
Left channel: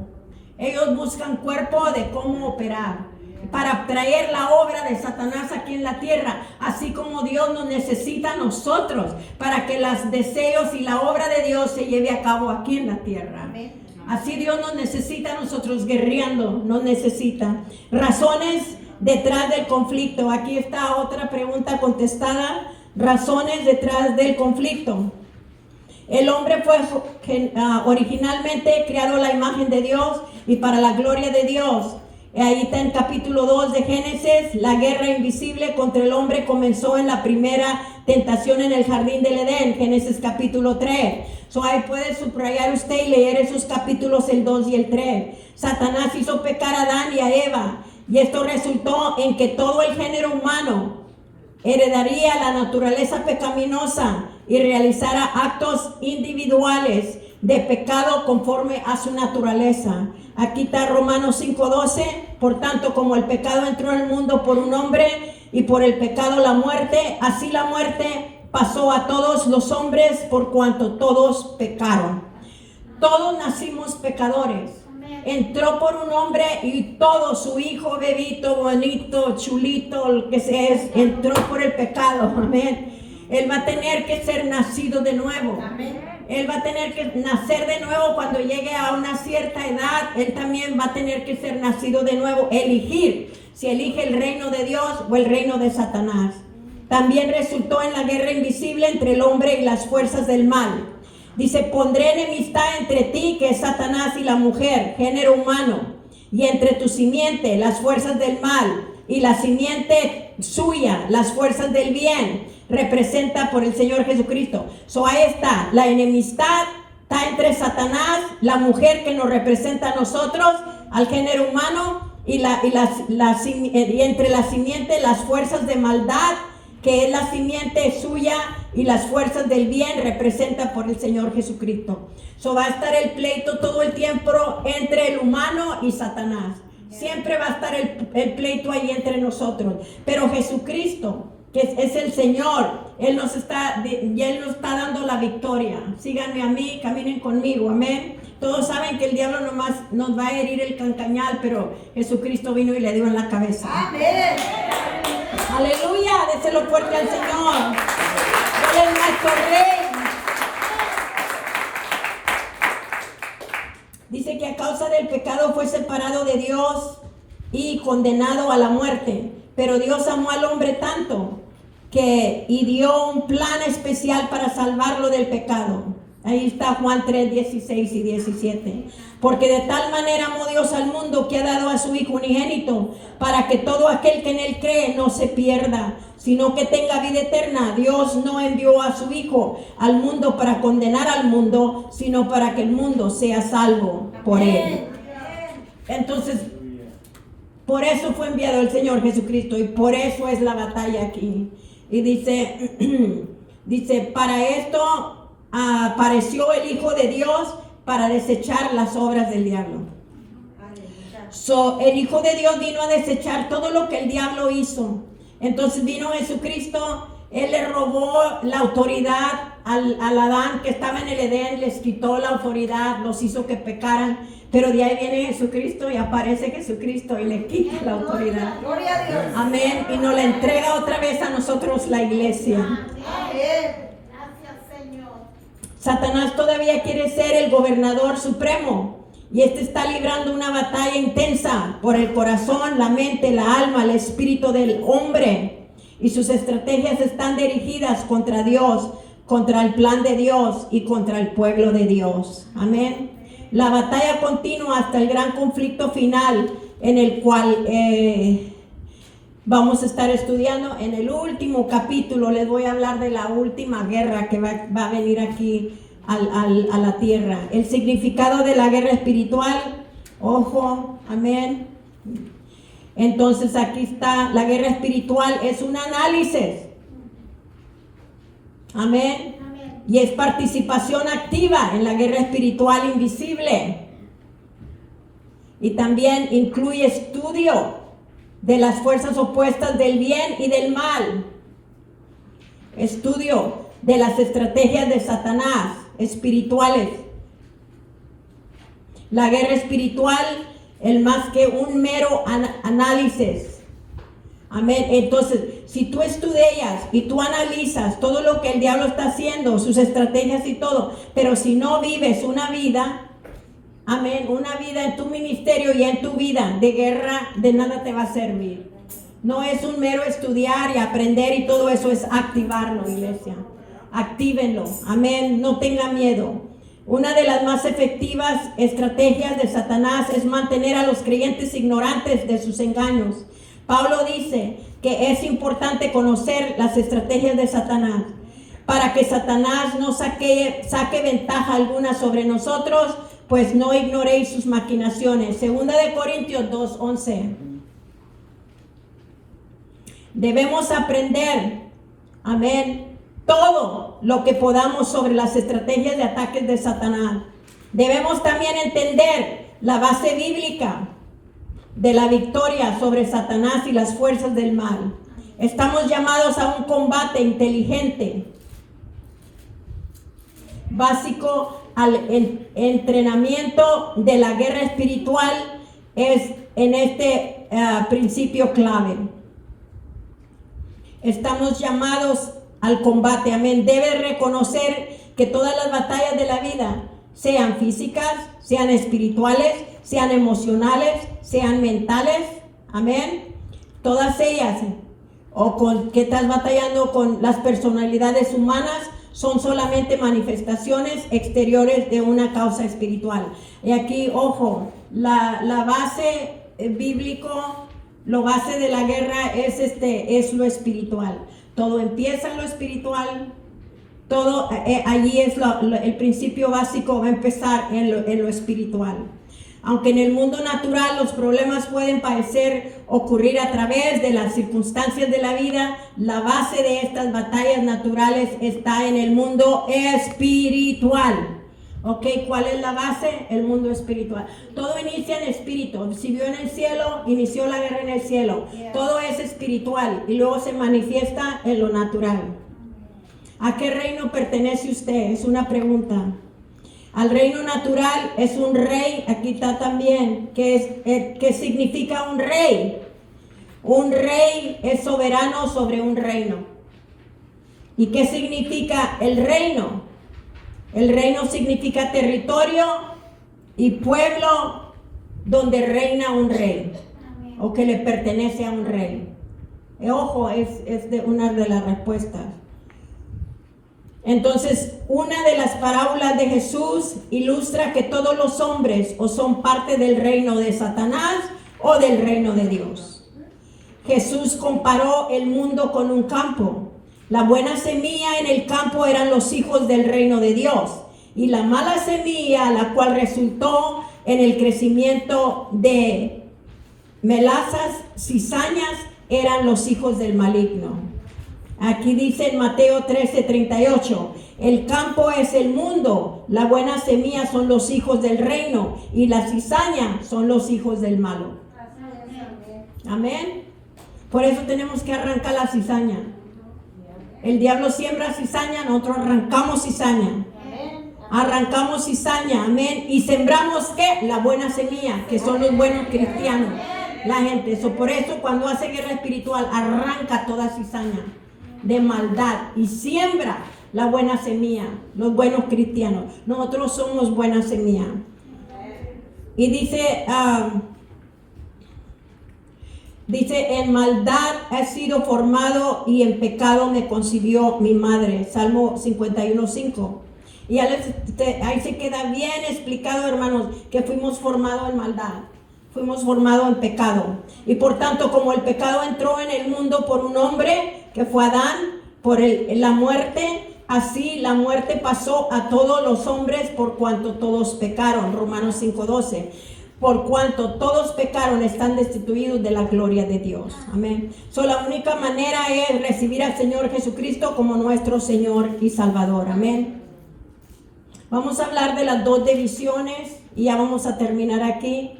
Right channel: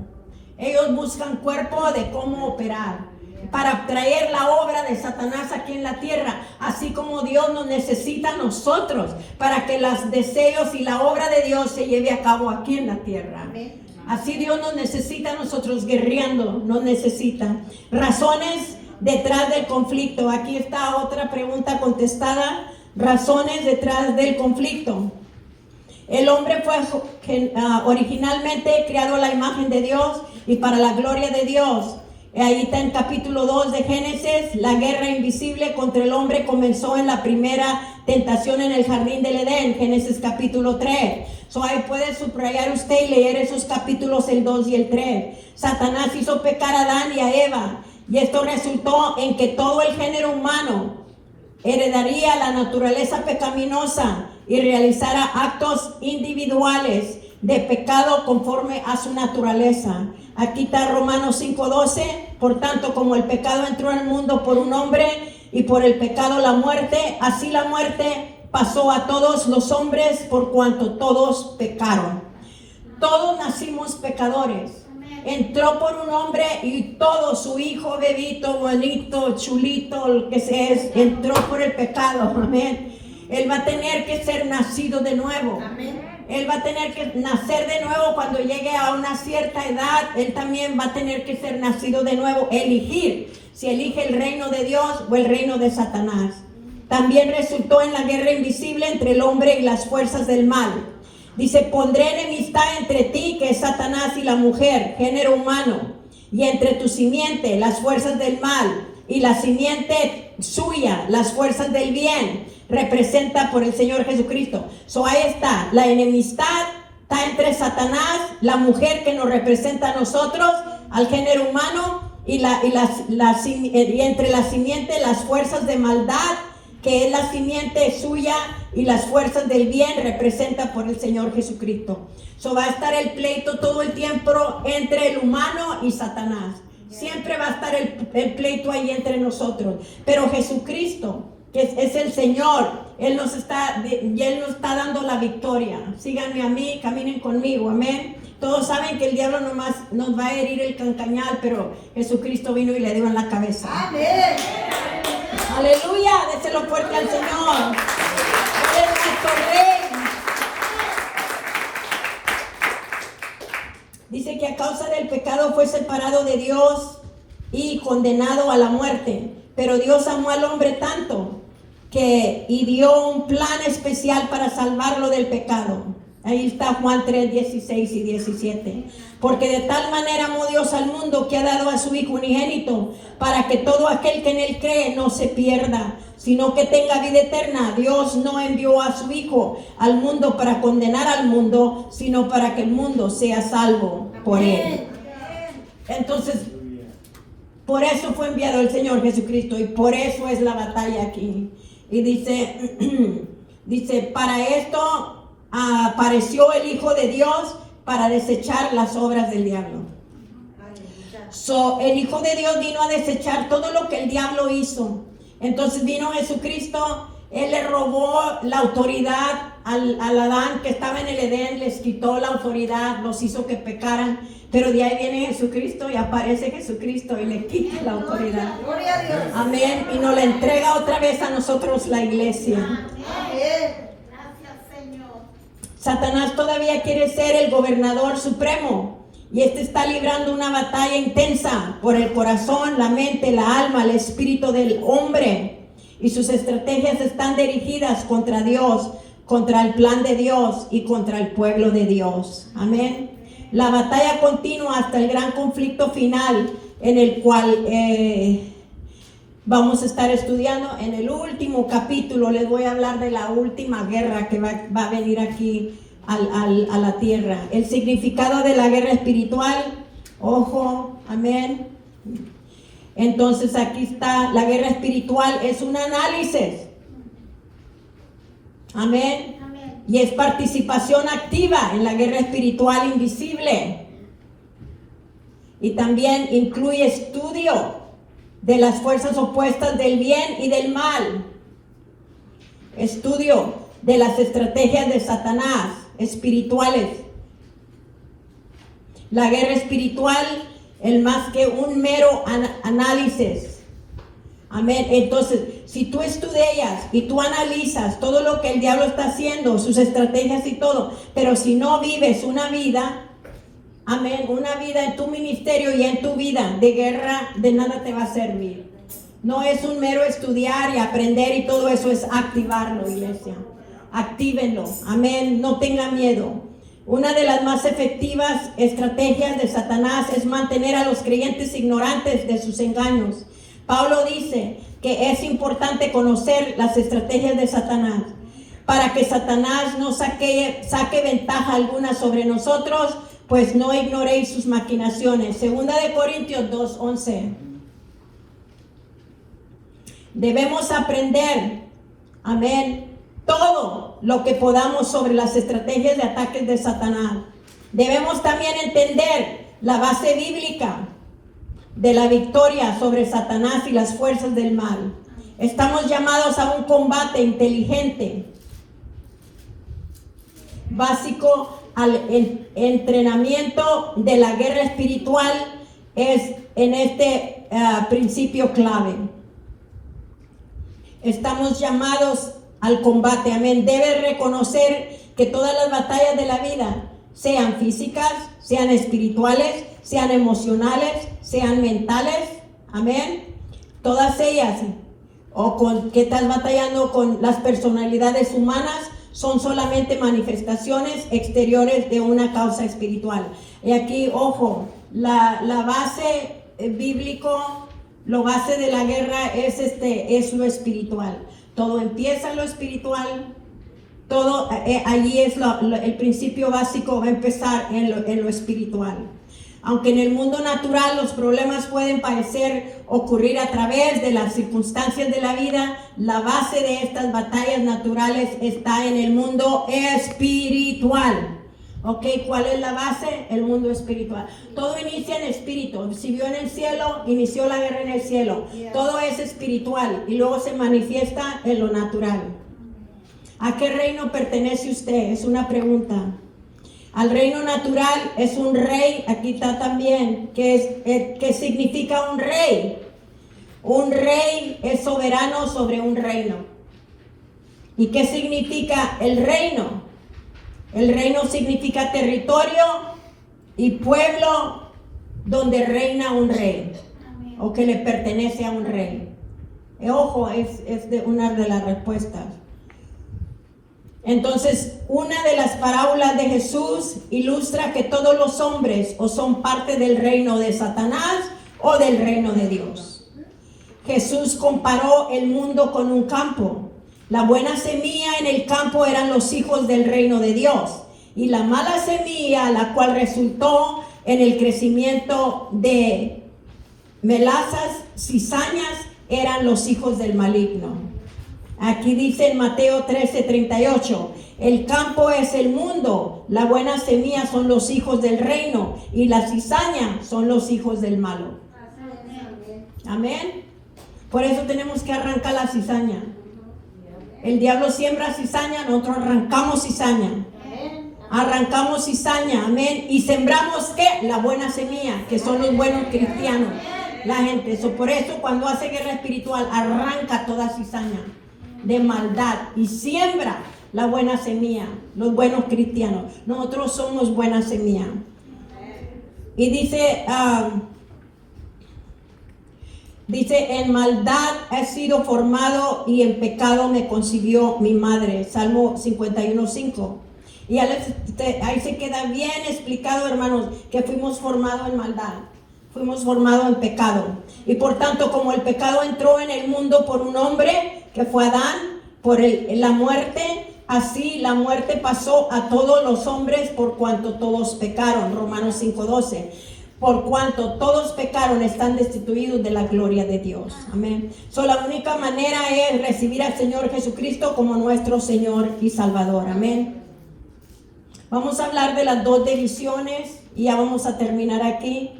Ellos buscan cuerpo de cómo operar para traer la obra de Satanás aquí en la tierra, así como Dios nos necesita a nosotros para que los deseos y la obra de Dios se lleve a cabo aquí en la tierra. Así Dios nos necesita a nosotros guerreando, nos necesita. Razones detrás del conflicto. Aquí está otra pregunta contestada. Razones detrás del conflicto. El hombre fue originalmente creado a la imagen de Dios y para la gloria de Dios. Ahí está en capítulo 2 de Génesis. La guerra invisible contra el hombre comenzó en la primera tentación en el jardín del Edén, Génesis capítulo 3. Ahí puede subrayar usted y leer esos capítulos, el 2 y el 3. Satanás hizo pecar a Adán y a Eva, y esto resultó en que todo el género humano heredaría la naturaleza pecaminosa y realizara actos individuales de pecado conforme a su naturaleza. Aquí está Romanos 5:12. Por tanto, como el pecado entró al mundo por un hombre y por el pecado la muerte, así la muerte pasó a todos los hombres por cuanto todos pecaron. Todos nacimos pecadores. Entró por un hombre y todo, su hijo, bebito, bonito, chulito, el que se es, entró por el pecado. Amén. Él va a tener que ser nacido de nuevo. Él va a tener que nacer de nuevo cuando llegue a una cierta edad. Él también va a tener que ser nacido de nuevo. Elegir si elige el reino de Dios o el reino de Satanás. También resultó en la guerra invisible entre el hombre y las fuerzas del mal. Dice, pondré enemistad entre ti, que es Satanás, y la mujer, género humano, y entre tu simiente, las fuerzas del mal, y la simiente suya, las fuerzas del bien, representa por el Señor Jesucristo. Ahí está, la enemistad está entre Satanás, la mujer que nos representa a nosotros, al género humano, y entre la simiente, las fuerzas de maldad, que es la simiente suya, y las fuerzas del bien representa por el Señor Jesucristo. Va a estar el pleito todo el tiempo entre el humano y Satanás. Siempre va a estar el pleito ahí entre nosotros. Pero Jesucristo, que es el Señor, Él nos está dando la victoria. Síganme a mí, caminen conmigo, amén. Todos saben que el diablo nomás nos va a herir el cancañal, pero Jesucristo vino y le dio en la cabeza. Amén. Aleluya, déselo fuerte al Señor. Él es nuestro Rey. Dice que a causa del pecado fue separado de Dios y condenado a la muerte. Pero Dios amó al hombre tanto y dio un plan especial para salvarlo del pecado. Ahí está Juan 3, 16 y 17. Porque de tal manera amó Dios al mundo que ha dado a su Hijo unigénito, para que todo aquel que en él cree no se pierda, sino que tenga vida eterna. Dios no envió a su Hijo al mundo para condenar al mundo, sino para que el mundo sea salvo por él. Entonces, por eso fue enviado el Señor Jesucristo, y por eso es la batalla aquí. Y dice, para esto apareció el Hijo de Dios, para desechar las obras del diablo. El Hijo de Dios vino a desechar todo lo que el diablo hizo. Entonces vino Jesucristo, Él le robó la autoridad al Adán que estaba en el Edén, les quitó la autoridad, los hizo que pecaran. Pero de ahí viene Jesucristo y aparece Jesucristo y le quita la autoridad. Amén. Y nos la entrega otra vez a nosotros, la iglesia. Amén. Satanás todavía quiere ser el gobernador supremo, y está librando una batalla intensa por el corazón, la mente, la alma, el espíritu del hombre, y sus estrategias están dirigidas contra Dios, contra el plan de Dios y contra el pueblo de Dios. Amén. La batalla continúa hasta el gran conflicto final, en el cual vamos a estar estudiando. En el último capítulo les voy a hablar de la última guerra que va a venir aquí a la tierra. El significado de la guerra espiritual. Ojo, amén. Entonces aquí está, la guerra espiritual es un análisis. Amén. Y es participación activa en la guerra espiritual invisible. Y también incluye estudio de las fuerzas opuestas del bien y del mal. Estudio de las estrategias de Satanás espirituales. La guerra espiritual es más que un mero análisis. Amén. Entonces, si tú estudias y tú analizas todo lo que el diablo está haciendo, sus estrategias y todo, pero si no vives una vida, amén, una vida en tu ministerio y en tu vida de guerra, de nada te va a servir. No es un mero estudiar y aprender y todo eso, es activarlo, iglesia. Actívenlo, amén, no tenga miedo. Una de las más efectivas estrategias de Satanás es mantener a los creyentes ignorantes de sus engaños. Pablo dice que es importante conocer las estrategias de Satanás para que Satanás no saque ventaja alguna sobre nosotros, pues no ignoréis sus maquinaciones. Segunda de Corintios 2:11. Debemos aprender, amén, todo lo que podamos sobre las estrategias de ataques de Satanás. Debemos también entender la base bíblica de la victoria sobre Satanás y las fuerzas del mal. Estamos llamados a un combate inteligente, básico al entrenamiento de la guerra espiritual es en este principio clave. Estamos llamados al combate, amén. Debes reconocer que todas las batallas de la vida, sean físicas, sean espirituales, sean emocionales, sean mentales, amén. Todas ellas, o con que estás batallando con las personalidades humanas, son solamente manifestaciones exteriores de una causa espiritual. Y aquí, ojo, la base bíblico, lo base de la guerra es lo espiritual. Todo empieza en lo espiritual. Todo allí es el principio básico, va a empezar en lo espiritual. Aunque en el mundo natural los problemas pueden parecer ocurrir a través de las circunstancias de la vida, la base de estas batallas naturales está en el mundo espiritual. ¿Ok? ¿Cuál es la base? El mundo espiritual. Todo inicia en espíritu. Si vio en el cielo, inició la guerra en el cielo. Todo es espiritual y luego se manifiesta en lo natural. ¿A qué reino pertenece usted? Es una pregunta. Al reino natural es un rey, aquí está también, que significa un rey. Un rey es soberano sobre un reino. ¿Y qué significa el reino? El reino significa territorio y pueblo donde reina un rey, o que le pertenece a un rey. Ojo, es una de las respuestas. Entonces, una de las parábolas de Jesús ilustra que todos los hombres o son parte del reino de Satanás o del reino de Dios. Jesús comparó el mundo con un campo. La buena semilla en el campo eran los hijos del reino de Dios, y la mala semilla, la cual resultó en el crecimiento de melazas, cizañas, eran los hijos del maligno. Aquí dice en Mateo 13:38, el campo es el mundo, la buena semilla son los hijos del reino y la cizaña son los hijos del malo. Amén. Por eso tenemos que arrancar la cizaña. El diablo siembra cizaña, nosotros arrancamos cizaña. Arrancamos cizaña, amén. Y sembramos, ¿qué? La buena semilla, que son los buenos cristianos. La gente, por eso cuando hace guerra espiritual, arranca toda cizaña de maldad y siembra la buena semilla, los buenos cristianos. Nosotros somos buena semilla. Y dice, en maldad he sido formado y en pecado me concibió mi madre. Salmo 51:5. Y ahí se queda bien explicado, hermanos, que fuimos formados en maldad. Fuimos formados en pecado. Y por tanto, como el pecado entró en el mundo por un hombre, que fue Adán, por la muerte, así la muerte pasó a todos los hombres por cuanto todos pecaron. Romanos 5:12. Por cuanto todos pecaron, están destituidos de la gloria de Dios. Amén. La única manera es recibir al Señor Jesucristo como nuestro Señor y Salvador. Amén. Vamos a hablar de las dos divisiones y ya vamos a terminar aquí.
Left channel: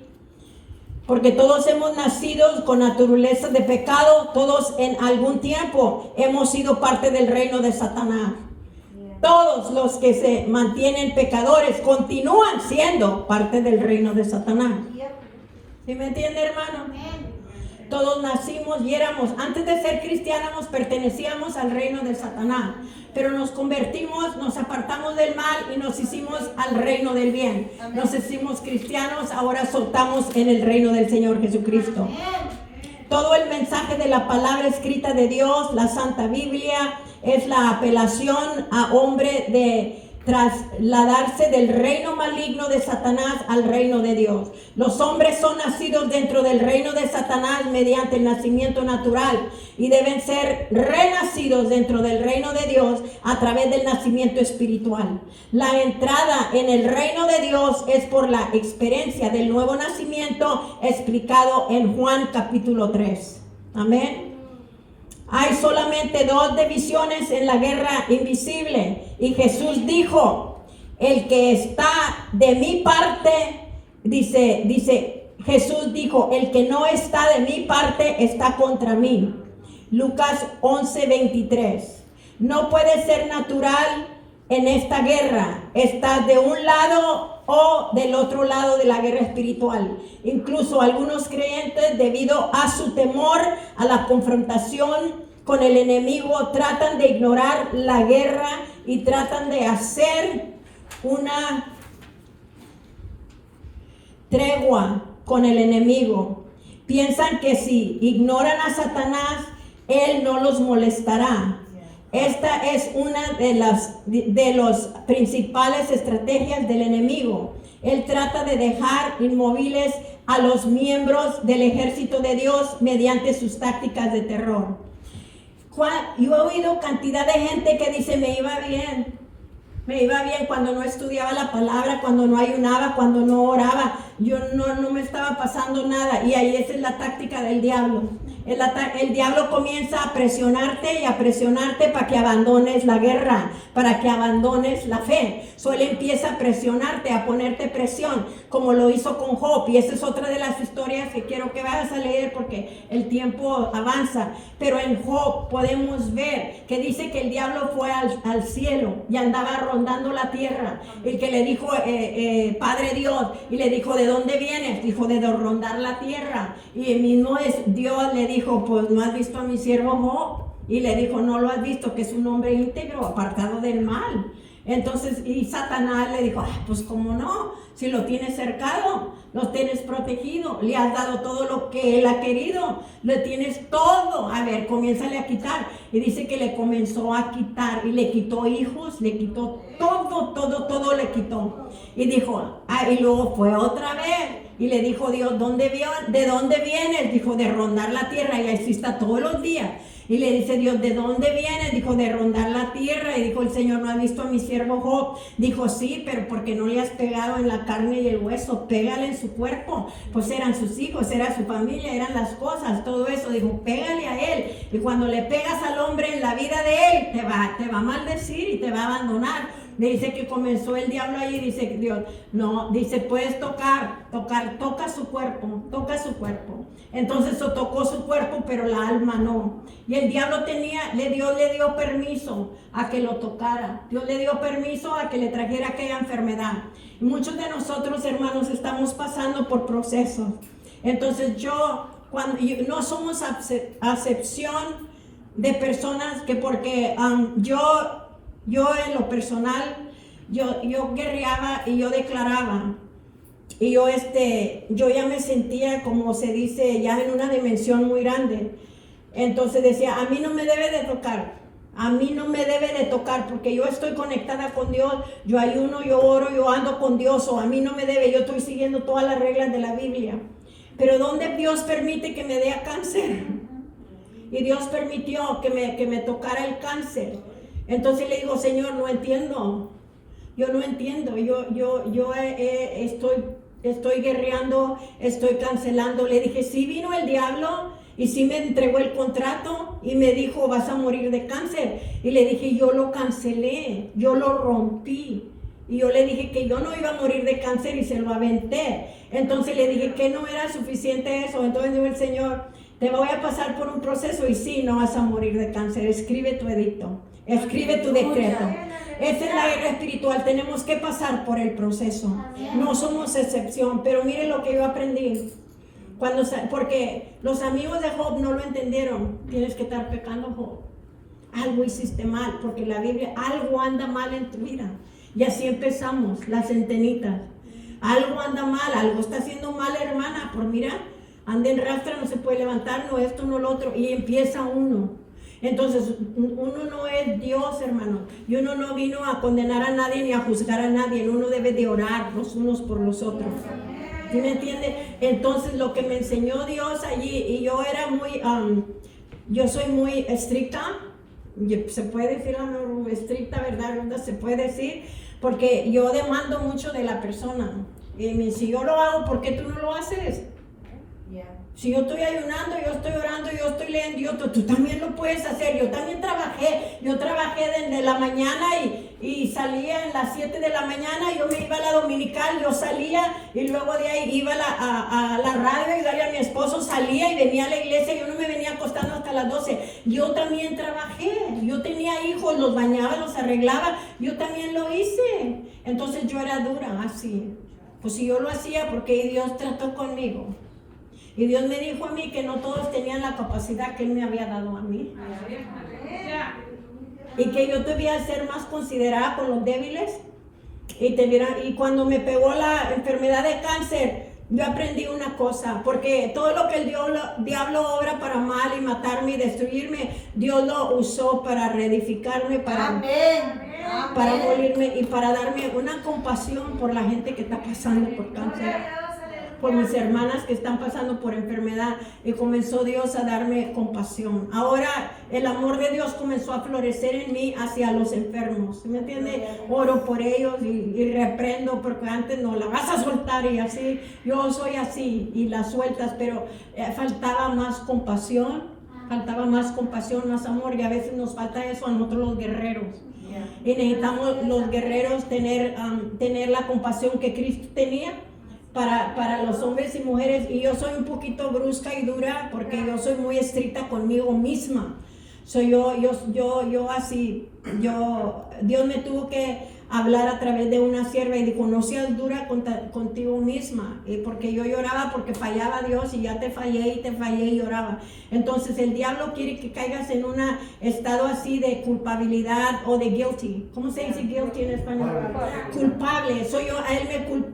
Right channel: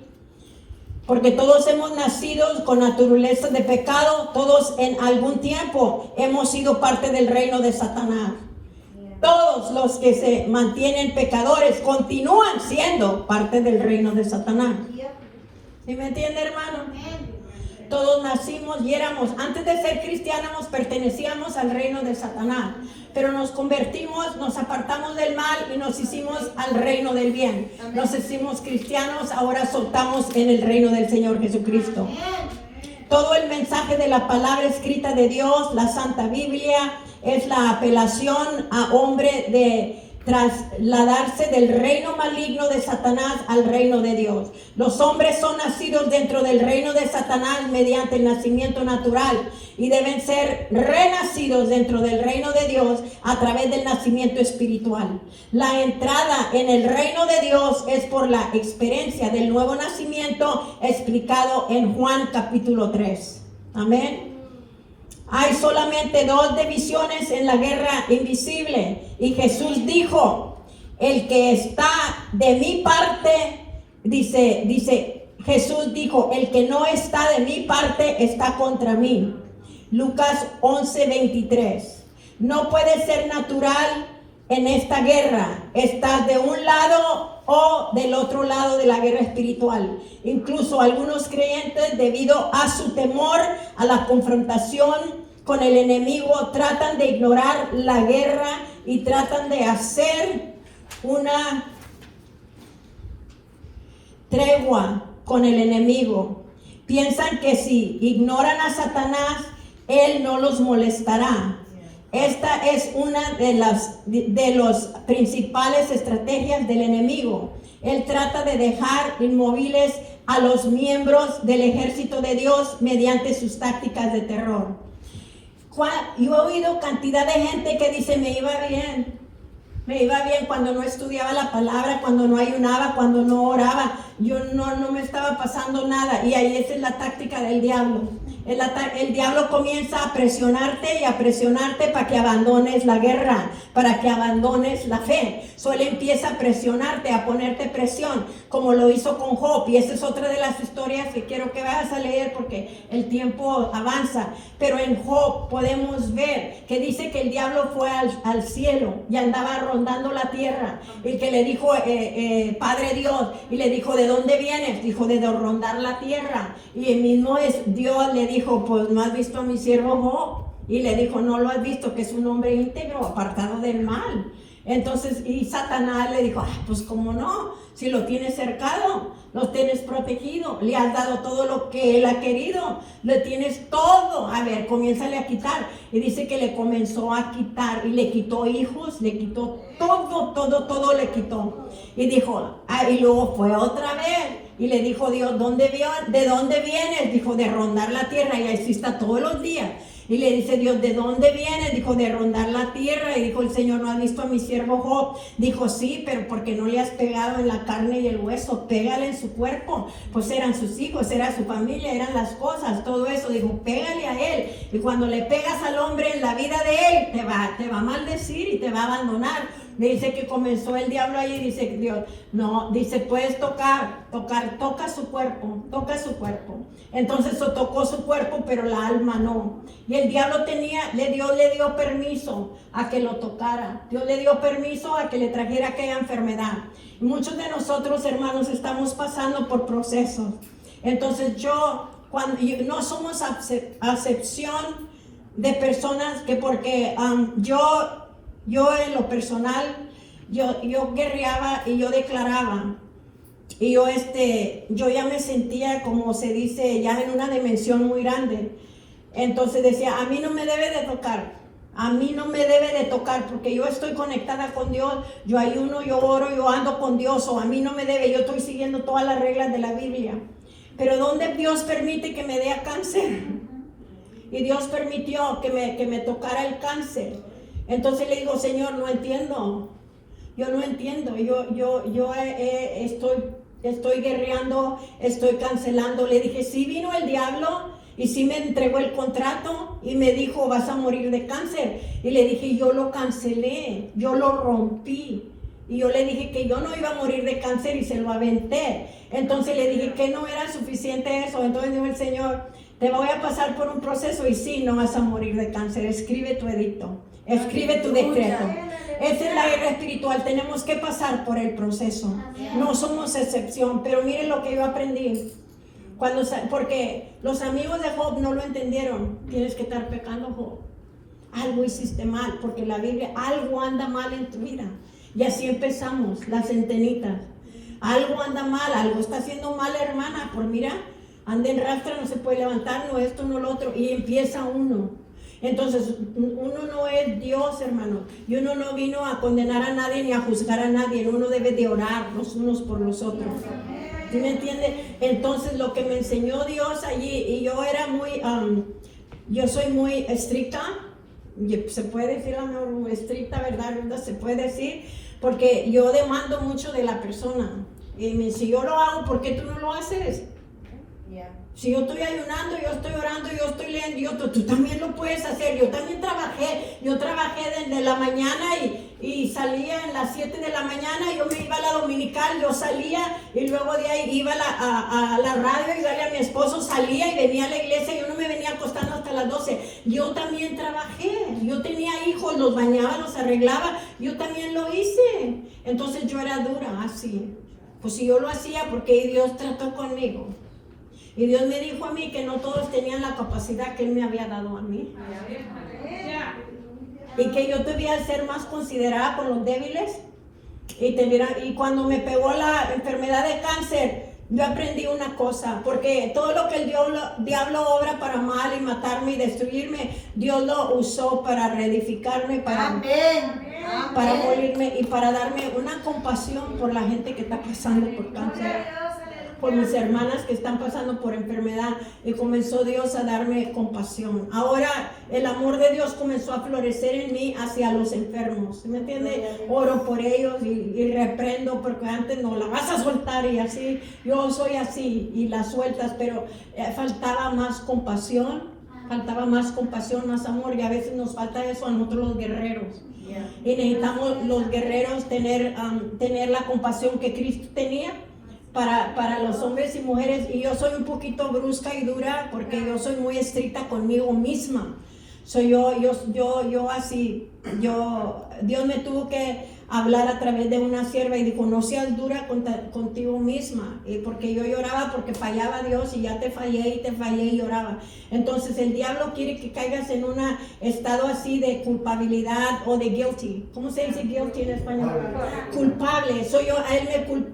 Porque todos hemos nacido con naturaleza de pecado, todos en algún tiempo hemos sido parte del reino de Satanás. Todos los que se mantienen pecadores continúan siendo parte del reino de Satanás. ¿Sí me entiende, hermano? Todos nacimos y éramos, antes de ser cristianos, pertenecíamos al reino de Satanás. Pero nos convertimos, nos apartamos del mal y nos hicimos al reino del bien. Nos hicimos cristianos, ahora soltamos en el reino del Señor Jesucristo. Todo el mensaje de la palabra escrita de Dios, la Santa Biblia, es la apelación a hombre de trasladarse del reino maligno de Satanás al reino de Dios. Los hombres son nacidos dentro del reino de Satanás mediante el nacimiento natural y deben ser renacidos dentro del reino de Dios a través del nacimiento espiritual. La entrada en el reino de Dios es por la experiencia del nuevo nacimiento explicado en Juan capítulo 3. Amén. Hay solamente dos divisiones en la guerra invisible. Y Jesús dijo, el que está de mi parte, dice Jesús dijo, el que no está de mi parte está contra mí. Lucas 11:23. No puede ser natural en esta guerra. ¿Estás de un lado o del otro lado de la guerra espiritual? Incluso algunos creyentes, debido a su temor a la confrontación con el enemigo, tratan de ignorar la guerra y tratan de hacer una tregua con el enemigo. Piensan que si ignoran a Satanás, él no los molestará. Esta es una de las principales estrategias del enemigo. Él trata de dejar inmóviles a los miembros del ejército de Dios mediante sus tácticas de terror. Yo he oído cantidad de gente que dice, me iba bien cuando no estudiaba la palabra, cuando no ayunaba, cuando no oraba, no me estaba pasando nada. Y ahí esa es la táctica del diablo. El diablo comienza a presionarte para que abandones la guerra, para que abandones la fe. Él empieza a presionarte, a ponerte presión, como lo hizo con Job. Y esa es otra de las historias que quiero que vayas a leer porque el tiempo avanza. Pero en Job podemos ver que dice que el diablo fue al cielo y andaba rondando la tierra. Y que le dijo, Padre Dios, y le dijo, ¿de dónde vienes? Dijo, de rondar la tierra. Y el mismo Dios le dijo, pues no has visto a mi siervo Job. Y le dijo, no lo has visto, que es un hombre íntegro, apartado del mal. Entonces, y Satanás le dijo, pues cómo no, si lo tienes cercado, lo tienes protegido, le has dado todo lo que él ha querido, le tienes todo. A ver, comiénzale a quitar. Y dice que le comenzó a quitar, y le quitó hijos, le quitó todo le quitó. Y dijo, y luego fue otra vez. Y le dijo Dios, ¿de dónde vienes? Dijo, de rondar la tierra. Y así está todos los días. Y le dice Dios, ¿de dónde vienes? Dijo, de rondar la tierra. Y dijo el Señor, ¿no ha visto a mi siervo Job? Dijo, sí, pero porque no le has pegado en la carne y el hueso, pégale en su cuerpo. Pues eran sus hijos, era su familia, eran las cosas, todo eso. Dijo, pégale a él. Y cuando le pegas al hombre en la vida de él, te va a maldecir y te va a abandonar. Me dice que comenzó el diablo ahí, dice Dios, no, dice, puedes toca su cuerpo. Entonces tocó su cuerpo, pero la alma no. Y el diablo le dio permiso a que lo tocara. Dios le dio permiso a que le trajera aquella enfermedad. Y muchos de nosotros, hermanos, estamos pasando por procesos. Entonces no somos acepción de personas que porque yo en lo personal, yo guerreaba y yo declaraba. Y yo ya me sentía, como se dice, ya en una dimensión muy grande. Entonces decía, a mí no me debe de tocar, porque yo estoy conectada con Dios, yo ayuno, yo oro, yo ando con Dios, o a mí no me debe, yo estoy siguiendo todas las reglas de la Biblia. Pero ¿dónde Dios permite que me dé cáncer? Y Dios permitió que me tocara el cáncer. Entonces le digo, Señor, no entiendo. Yo no entiendo. Estoy guerreando, estoy cancelando. Le dije, sí vino el diablo y sí me entregó el contrato y me dijo, vas a morir de cáncer. Y le dije, yo lo cancelé, yo lo rompí. Y yo le dije que yo no iba a morir de cáncer y se lo aventé. Entonces le dije que no era suficiente eso. Entonces dijo el Señor, te voy a pasar por un proceso y sí, no vas a morir de cáncer. Escribe tu edicto. Escribe tu decreto. Esa es la guerra espiritual. Tenemos que pasar por el proceso. No somos excepción. Pero miren lo que yo aprendí. Porque los amigos de Job no lo entendieron. Tienes que estar pecando, Job. Algo hiciste mal. Porque la Biblia, algo anda mal en tu vida. Y así empezamos, las centenitas. Algo anda mal, algo está haciendo mal, hermana. Por mira, anda en rastra, no se puede levantar, no esto, no lo otro. Y empieza uno. Entonces, uno no es Dios, hermano. Y uno no vino a condenar a nadie ni a juzgar a nadie. Uno debe de orar los unos por los otros. ¿Sí me entiende? Entonces, lo que me enseñó Dios allí, y yo era yo soy muy estricta. Se puede decir, amor, estricta, ¿verdad? Se puede decir, porque yo demando mucho de la persona. Y si yo lo hago, ¿por qué tú no lo haces? Si yo estoy ayunando, yo estoy orando, yo estoy leyendo, tú también lo puedes hacer. Yo también trabajé desde la mañana y salía a las 7 de la mañana, yo me iba a la dominical, yo salía y luego de ahí iba a la radio y salía a mi esposo, salía y venía a la iglesia, yo no me venía acostando hasta las 12. Yo también trabajé, yo tenía hijos. hijos, los bañaba, los arreglaba. Yo también lo hice. Entonces yo era dura, así. Pues si yo lo hacía, porque Dios trató conmigo. Y Dios me dijo a mí que no todos tenían la capacidad que Él me había dado a mí. Y que yo debía ser más considerada con los débiles. Y cuando me pegó la enfermedad de cáncer, yo aprendí una cosa, porque todo lo que el diablo obra para mal y matarme y destruirme, Dios lo usó para reedificarme, para morirme y para darme una compasión por la gente que está pasando por cáncer, por mis hermanas que están pasando por enfermedad, y comenzó Dios a darme compasión. Ahora el amor de Dios comenzó a florecer en mí hacia los enfermos, ¿me entiende? Oro por ellos y reprendo, porque antes no la vas a soltar, y así, yo soy así y la sueltas, pero faltaba más compasión, más amor, y a veces nos falta eso a nosotros los guerreros. Y necesitamos los guerreros tener la compasión que Cristo tenía para los hombres y mujeres. Y yo soy un poquito brusca y dura porque yo soy muy estricta conmigo misma. Dios me tuvo que hablar a través de una sierva y dijo: no seas dura contigo misma, porque yo lloraba porque fallaba a Dios, y ya te fallé y lloraba. Entonces el diablo quiere que caigas en un estado así de culpabilidad o de guilty. ¿Cómo se dice guilty en español? Culpable.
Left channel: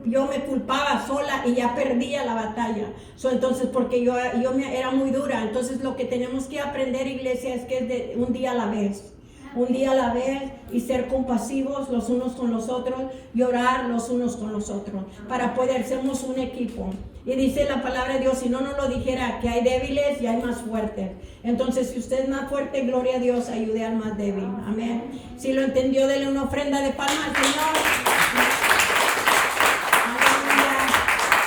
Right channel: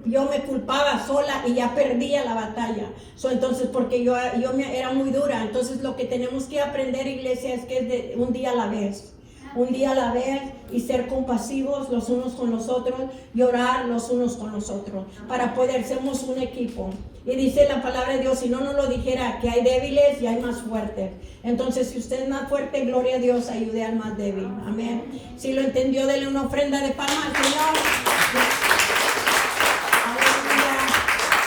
Yo me culpaba sola y ya perdía la batalla. Entonces, porque yo era muy dura. Entonces lo que tenemos que aprender, iglesia, es que es de un día a la vez. Un día a la vez, y ser compasivos los unos con los otros, y orar los unos con los otros, para poder, somos un equipo. Y dice la palabra de Dios, si no nos lo dijera, que hay débiles y hay más fuertes. Entonces, si usted es más fuerte, gloria a Dios, ayude al más débil. Amén. Si lo entendió, dele una ofrenda de palmas al Señor.